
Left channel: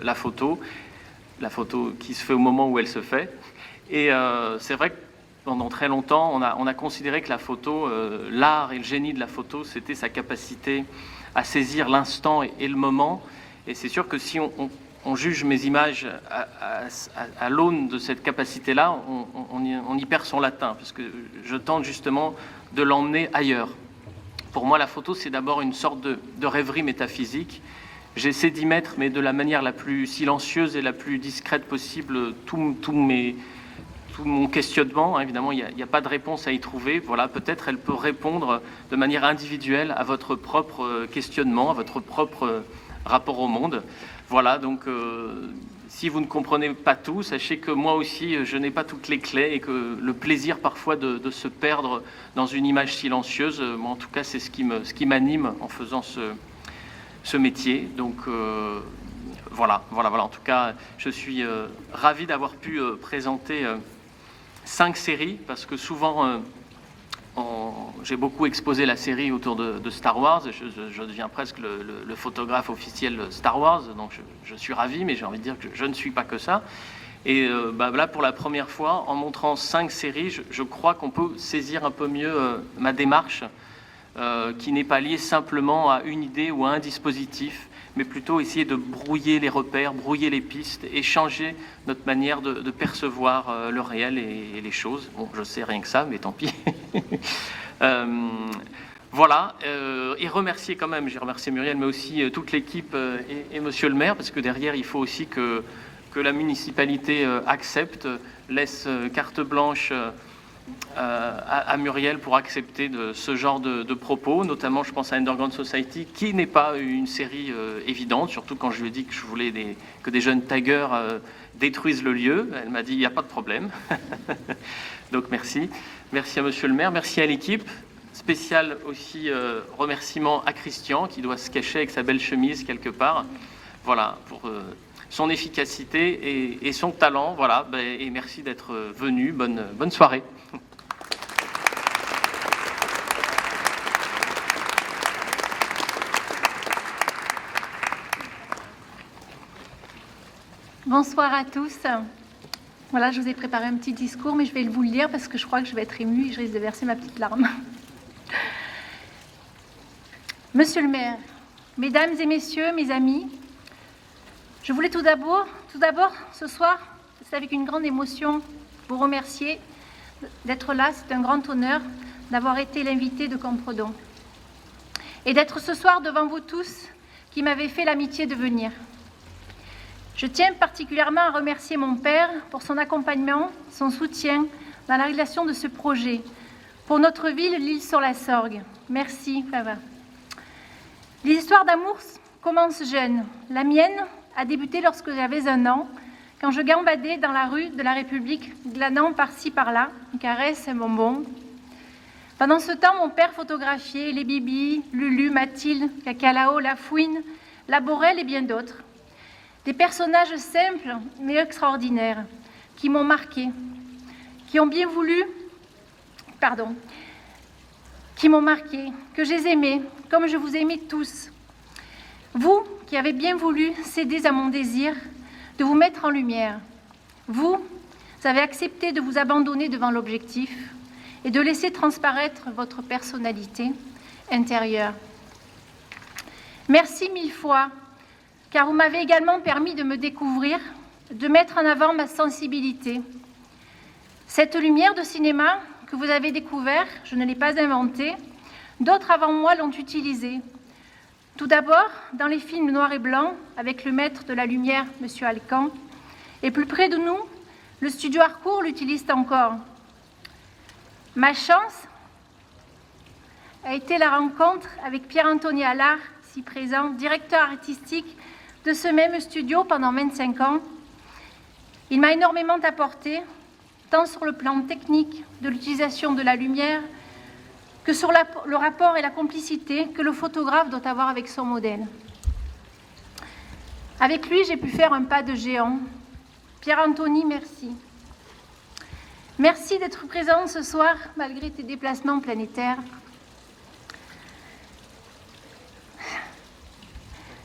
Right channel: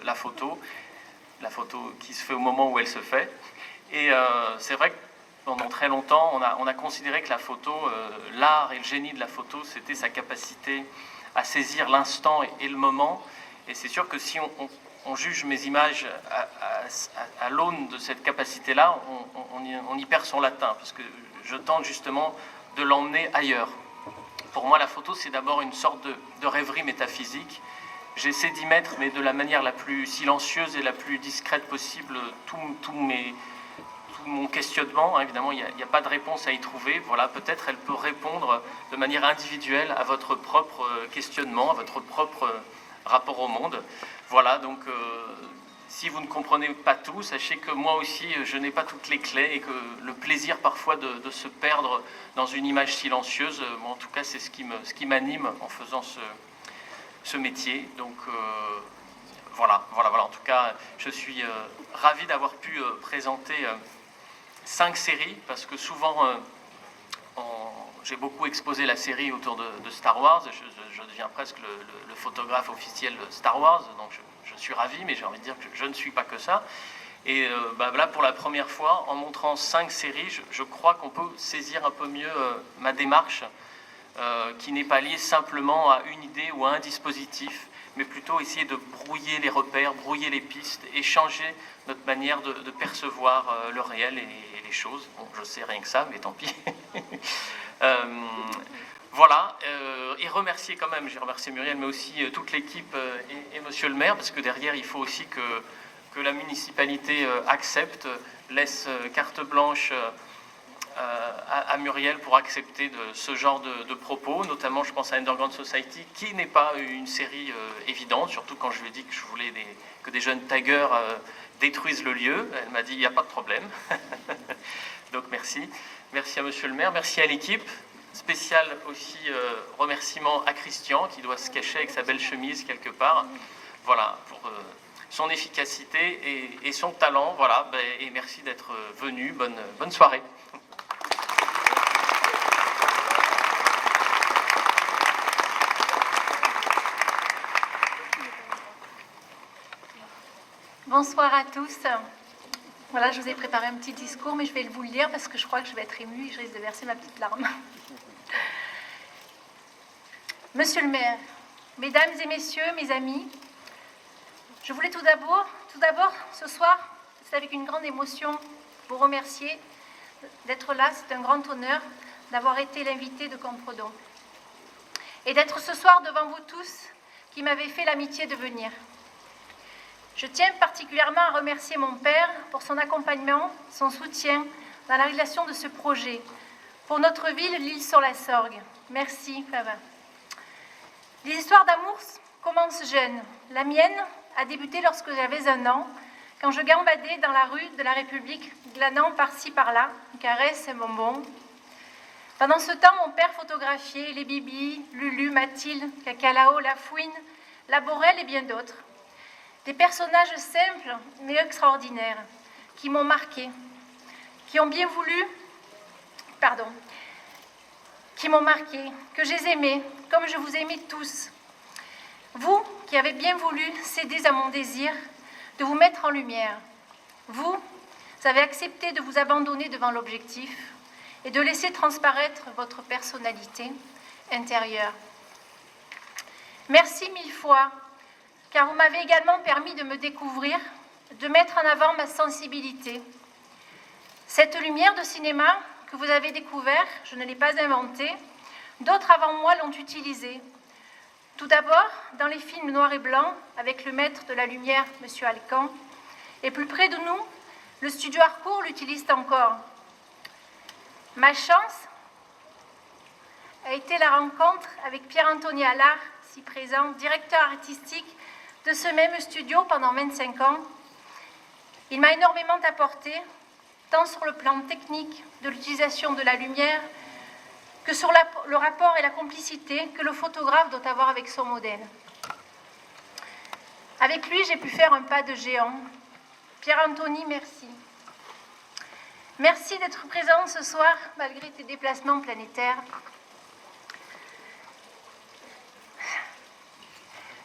la photo qui se fait au moment où elle se fait. Et c'est vrai que pendant très longtemps, on a considéré que la photo, l'art et le génie de la photo, c'était sa capacité à saisir l'instant et le moment. Et c'est sûr que si on juge mes images à l'aune de cette capacité-là, on y perd son latin, parce que je tente justement de l'emmener ailleurs. Pour moi, la photo, c'est d'abord une sorte de rêverie métaphysique. J'essaie d'y mettre, mais de la manière la plus silencieuse et la plus discrète possible, tout mon questionnement. Évidemment, il n'y a pas de réponse à y trouver. Voilà, peut-être elle peut répondre de manière individuelle à votre propre questionnement, à votre propre rapport au monde. Voilà, donc si vous ne comprenez pas tout, sachez que moi aussi, je n'ai pas toutes les clés et que le plaisir parfois de se perdre dans une image silencieuse, moi, en tout cas, c'est ce qui m'anime en faisant ce métier. Donc voilà. En tout cas, je suis ravi d'avoir pu présenter 5 séries, parce que souvent, j'ai beaucoup exposé la série autour de Star Wars. Je deviens presque le photographe officiel Star Wars, donc je suis ravi, mais j'ai envie de dire que je ne suis pas que ça. Et là, pour la première fois, en montrant 5 séries, je crois qu'on peut saisir un peu mieux ma démarche, qui n'est pas liée simplement à une idée ou à un dispositif, mais plutôt essayer de brouiller les repères, brouiller les pistes et changer notre manière de percevoir le réel et les choses. Bon, je sais rien que ça, mais tant pis. Voilà, et remercier quand même, j'ai remercié Muriel, mais aussi toute l'équipe et monsieur le maire, parce que derrière, il faut aussi que la municipalité accepte, laisse carte blanche à Muriel pour accepter ce genre de propos, notamment je pense à Underground Society, qui n'est pas une série évidente, surtout quand je lui ai dit que je voulais que des jeunes taggers détruisent le lieu. Elle m'a dit il n'y a pas de problème. Donc merci. Merci à Monsieur le maire, merci à l'équipe. Spécial aussi remerciement à Christian qui doit se cacher avec sa belle chemise quelque part. Voilà, pour son efficacité et son talent. Voilà, et merci d'être venu. Bonne soirée. Bonsoir à tous. Voilà, je vous ai préparé un petit discours, mais je vais vous le lire parce que je crois que je vais être émue et je risque de verser ma petite larme. Monsieur le maire, mesdames et messieurs, mes amis, je voulais tout d'abord, ce soir, c'est avec une grande émotion, vous remercier d'être là. C'est un grand honneur d'avoir été l'invité de Campredon et d'être ce soir devant vous tous qui m'avez fait l'amitié de venir. Je tiens particulièrement à remercier mon père pour son accompagnement, son soutien dans la réalisation de ce projet pour notre ville, l'Isle-sur-la-Sorgue. Merci, papa. Les histoires d'amour commencent jeunes. La mienne a débuté lorsque j'avais 1 an, quand je gambadais dans la rue de la République, glanant par-ci par-là, une caresse, un bonbon. Pendant ce temps, mon père photographiait les Bibi, Lulu, Mathilde, Cacalao, La Fouine, La Borelle et bien d'autres. Des personnages simples mais extraordinaires qui m'ont marqué, qui m'ont marqué, que j'ai aimé, comme je vous ai aimé tous. Vous qui avez bien voulu céder à mon désir de vous mettre en lumière. Vous avez accepté de vous abandonner devant l'objectif et de laisser transparaître votre personnalité intérieure. Merci 1000 fois, car vous m'avez également permis de me découvrir, de mettre en avant ma sensibilité. Cette lumière de cinéma que vous avez découvert, je ne l'ai pas inventée, d'autres avant moi l'ont utilisée. Tout d'abord, dans les films noirs et blancs, avec le maître de la lumière, M. Alcan, et plus près de nous, le studio Harcourt l'utilise encore. Ma chance a été la rencontre avec Pierre-Anthony Allard, ici présent, directeur artistique de ce même studio pendant 25 ans. Il m'a énormément apporté, tant sur le plan technique de l'utilisation de la lumière que sur le rapport et la complicité que le photographe doit avoir avec son modèle. Avec lui, j'ai pu faire un pas de géant. Pierre-Anthony, merci. Merci d'être présent ce soir, malgré tes déplacements planétaires.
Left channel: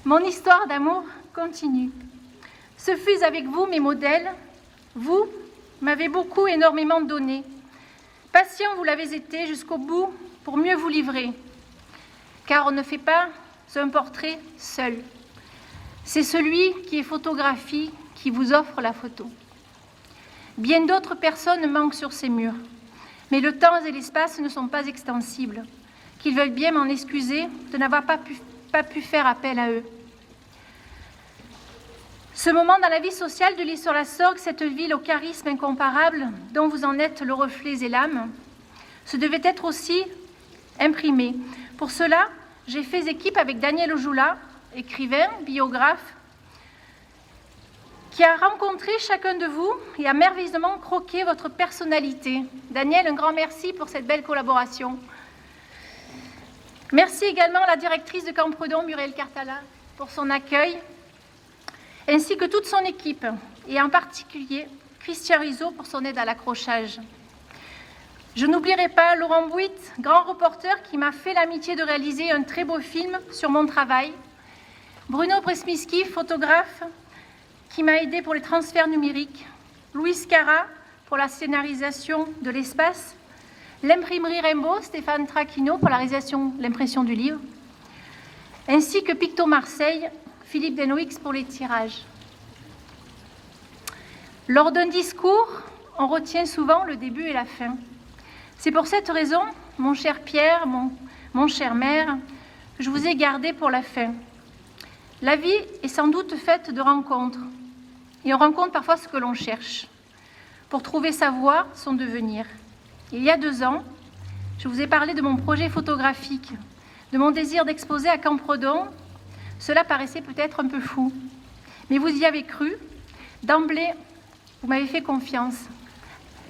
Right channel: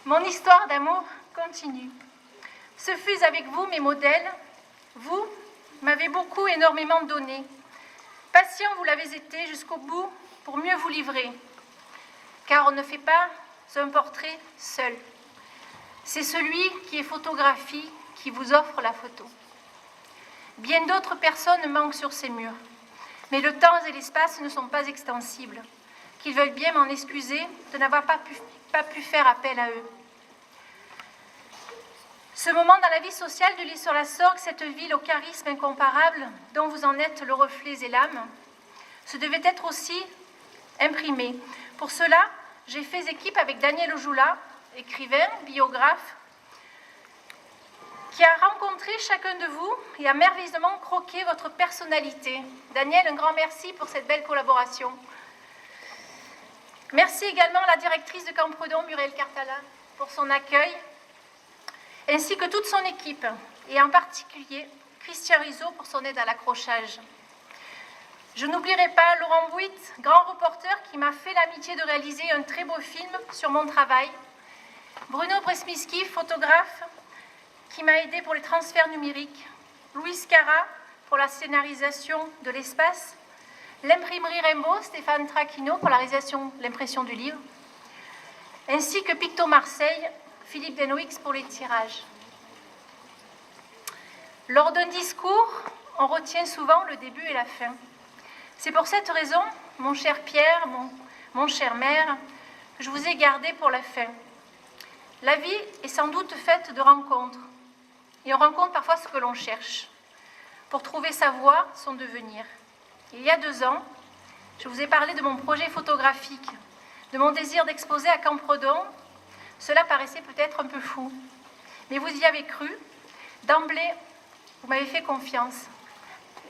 Mon histoire d'amour continue. Ce fut avec vous, mes modèles. Vous m'avez beaucoup, énormément donné. Patient, vous l'avez été jusqu'au bout pour mieux vous livrer. Car on ne fait pas un portrait seul. C'est celui qui est photographie qui vous offre la photo. Bien d'autres personnes manquent sur ces murs. Mais le temps et l'espace ne sont pas extensibles. Qu'ils veuillent bien m'en excuser de n'avoir pas pu faire appel à eux. Ce moment dans la vie sociale de l'Isle-sur-la-Sorgue, cette ville au charisme incomparable, dont vous en êtes le reflet et l'âme, ce devait être aussi imprimé. Pour cela, j'ai fait équipe avec Daniel Ojoula, écrivain, biographe, qui a rencontré chacun de vous et a merveilleusement croqué votre personnalité. Daniel, un grand merci pour cette belle collaboration. Merci également à la directrice de Campredon, Muriel Cartala, pour son accueil, ainsi que toute son équipe, et en particulier Christian Rizzo pour son aide à l'accrochage. Je n'oublierai pas Laurent Bouit, grand reporter qui m'a fait l'amitié de réaliser un très beau film sur mon travail, Bruno Presmiski, photographe, qui m'a aidé pour les transferts numériques, Louis Cara pour la scénarisation de l'espace, l'imprimerie Rainbow, Stéphane Traquino pour la réalisation de l'impression du livre, ainsi que Picto Marseille, Philippe Denoix pour les tirages. Lors d'un discours, on retient souvent le début et la fin. C'est pour cette raison, mon cher Pierre, mon cher maire, que je vous ai gardé pour la fin. La vie est sans doute faite de rencontres, et on rencontre parfois ce que l'on cherche, pour trouver sa voie, son devenir. Il y a 2 ans, je vous ai parlé de mon projet photographique, de mon désir d'exposer à Campredon. Cela paraissait peut-être un peu fou, mais vous y avez cru. D'emblée, vous m'avez fait confiance.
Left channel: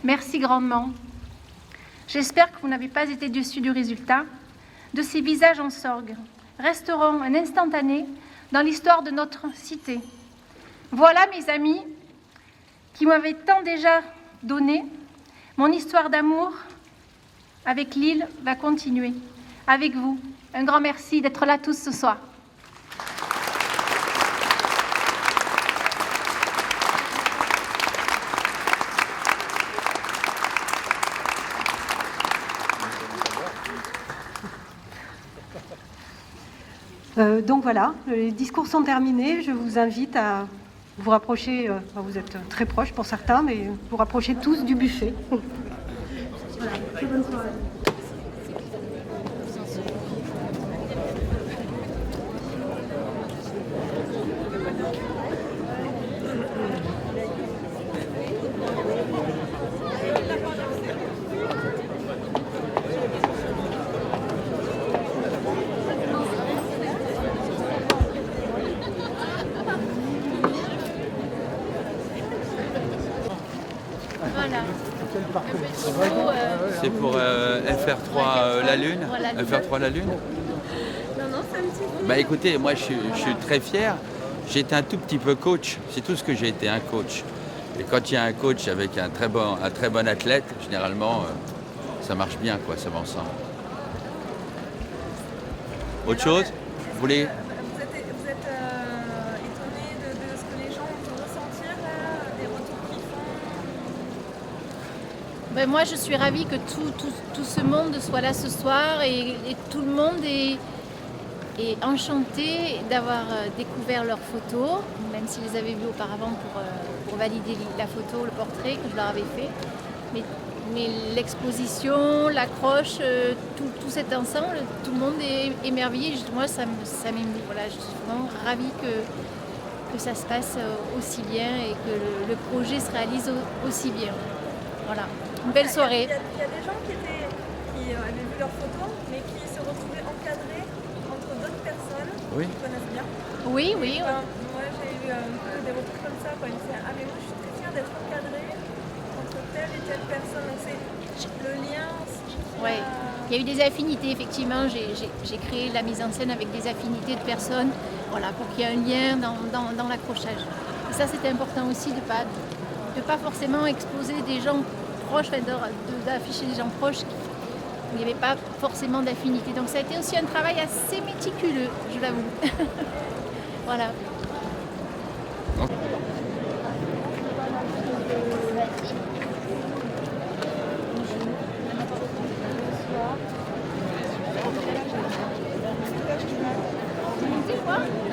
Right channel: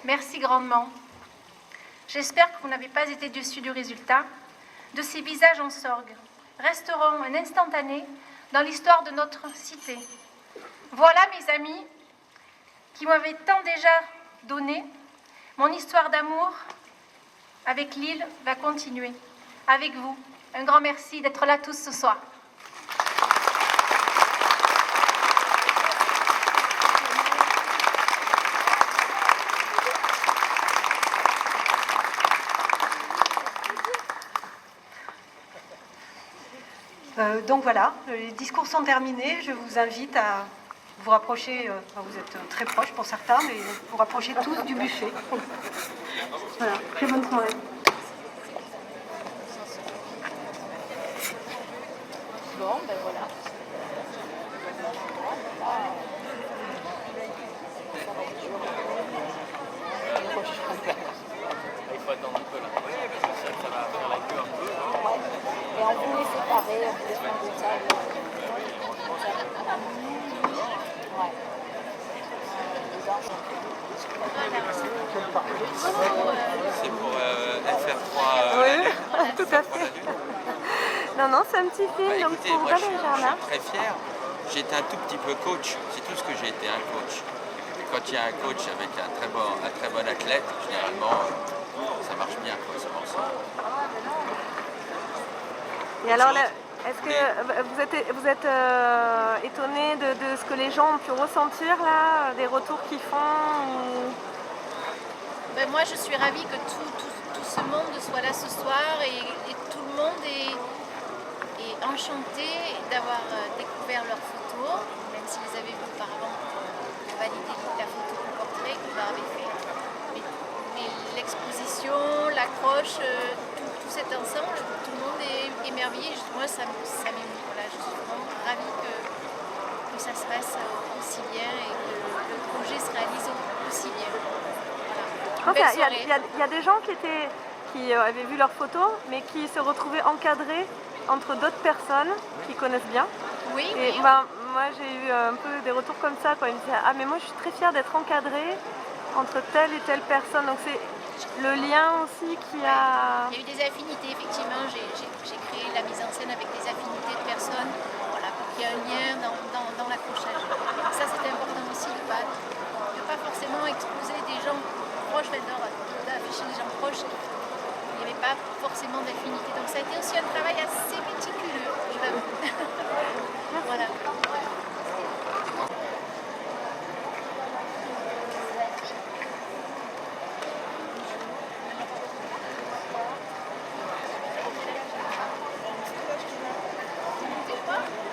Merci grandement. J'espère que vous n'avez pas été déçus du résultat. De ces visages en sorgue resteront un instantané dans l'histoire de notre cité. Voilà, mes amis, qui m'avaient tant déjà donné. Mon histoire d'amour avec Lille va continuer. Avec vous, un grand merci d'être là tous ce soir. Donc voilà, les discours sont terminés. Je vous invite à vous rapprocher, vous êtes très proches pour certains, mais vous rapprochez tous du buffet. Voilà, très bonne soirée. C'est pour FR3 la Lune. FR3 la Lune. Non, non, c'est un petit film. Bah écoutez, moi je suis très fier. J'ai été un tout petit peu coach. C'est tout ce que j'ai été, un coach. Et quand il y a un coach avec un très bon athlète, généralement, ça marche bien, quoi, ça va ensemble. Et Autre alors, chose vous êtes étonné de ce que les gens ont pu ressentir là, des retours qu'ils font Ben moi, je suis ravie que tout ce monde soit là ce soir et tout le monde est enchanté d'avoir découvert leurs photos, même s'ils les avaient vues auparavant pour valider la photo, le portrait que je leur avais fait. Mais l'exposition, l'accroche, tout cet ensemble, tout le monde est émerveillé. Moi, ça m'émeut. Voilà, je suis vraiment ravie que ça se passe aussi bien et que le projet se réalise aussi bien. Voilà, une belle soirée. Il y a des gens qui avaient vu leurs photos, mais qui se retrouvaient encadrés entre d'autres personnes qui connaissent bien. Oui, oui. Ben, moi, j'ai eu un peu des retours comme ça. Quand ils me disaient « Ah, mais moi, je suis très fière d'être encadrée entre telle et telle personne. » Donc, c'est le lien aussi qui a... Il y a eu des affinités, effectivement. J'ai créé la mise en scène avec des affinités de personnes, voilà, pour qu'il y ait un lien dans l'accrochage. Et ça, c'était important aussi de pas forcément exposer des gens proches, d'afficher des gens proches où il n'y avait pas forcément d'affinité. Donc ça a été aussi un travail assez méticuleux, je l'avoue. Voilà.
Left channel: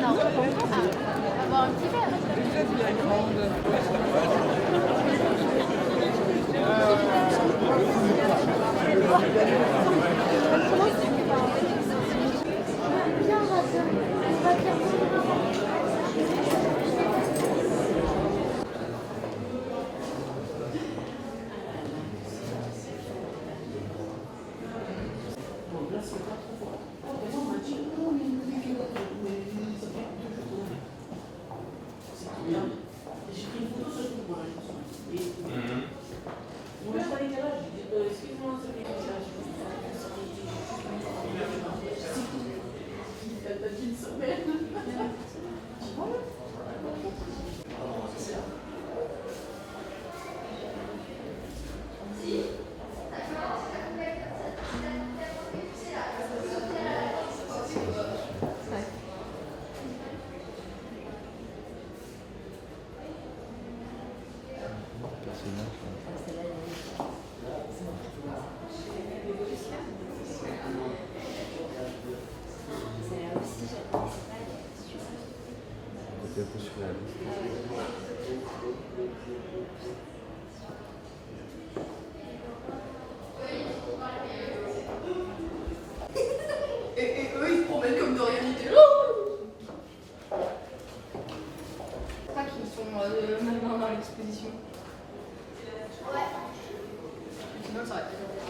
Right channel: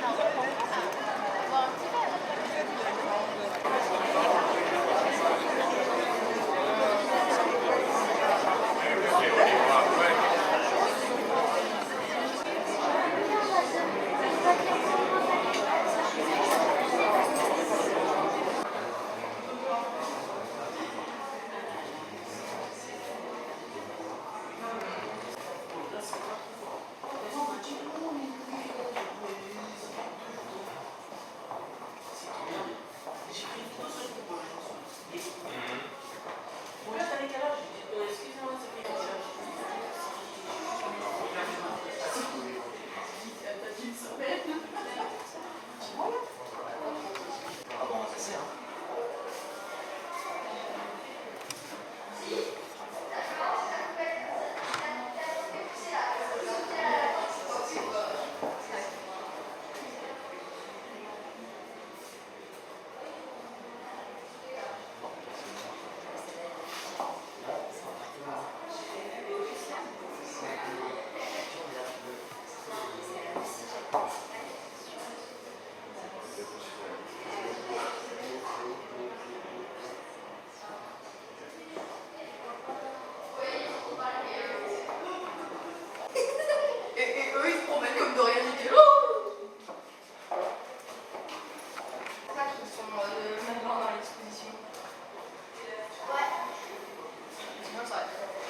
Non. Ah, avoir un petit verre. Et eux, ils se promènent comme de rien n'était. C'est ça qu'ils sont maintenant dans l'exposition. Ouais. Sinon, ça aurait été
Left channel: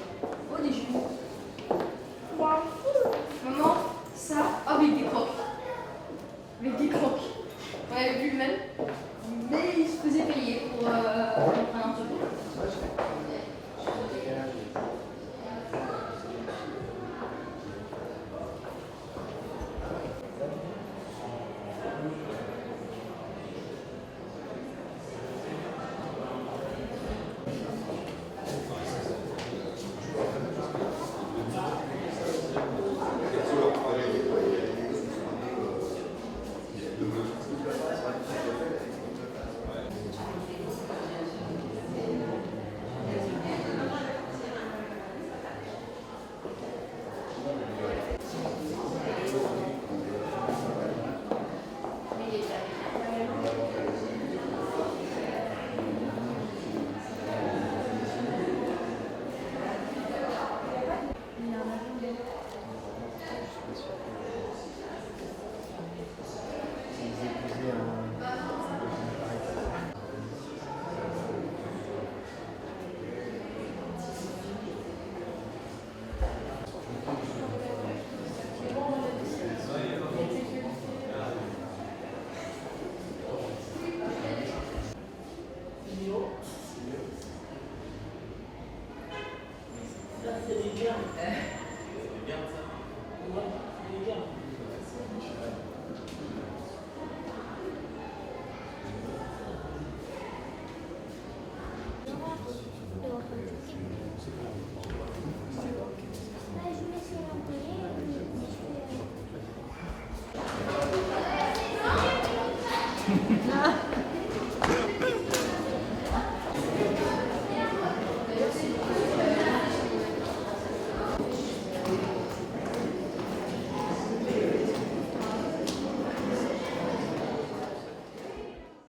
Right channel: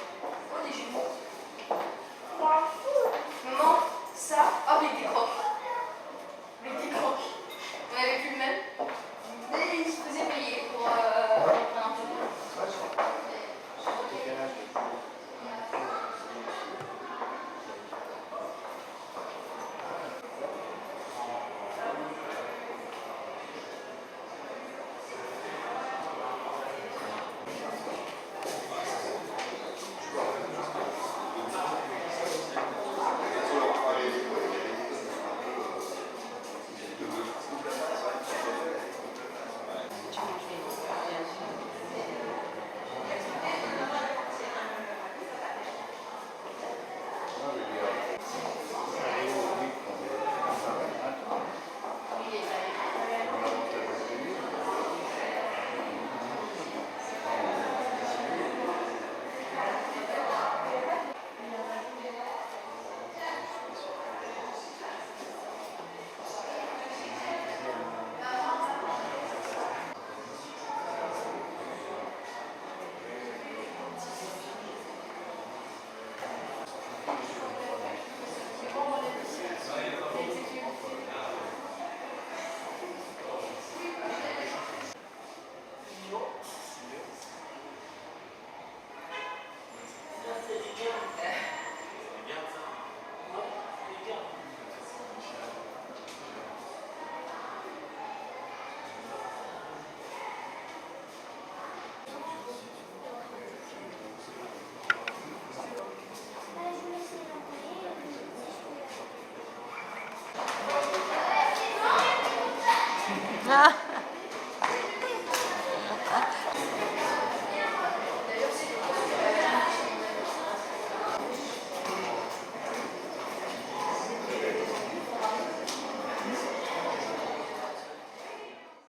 Ah.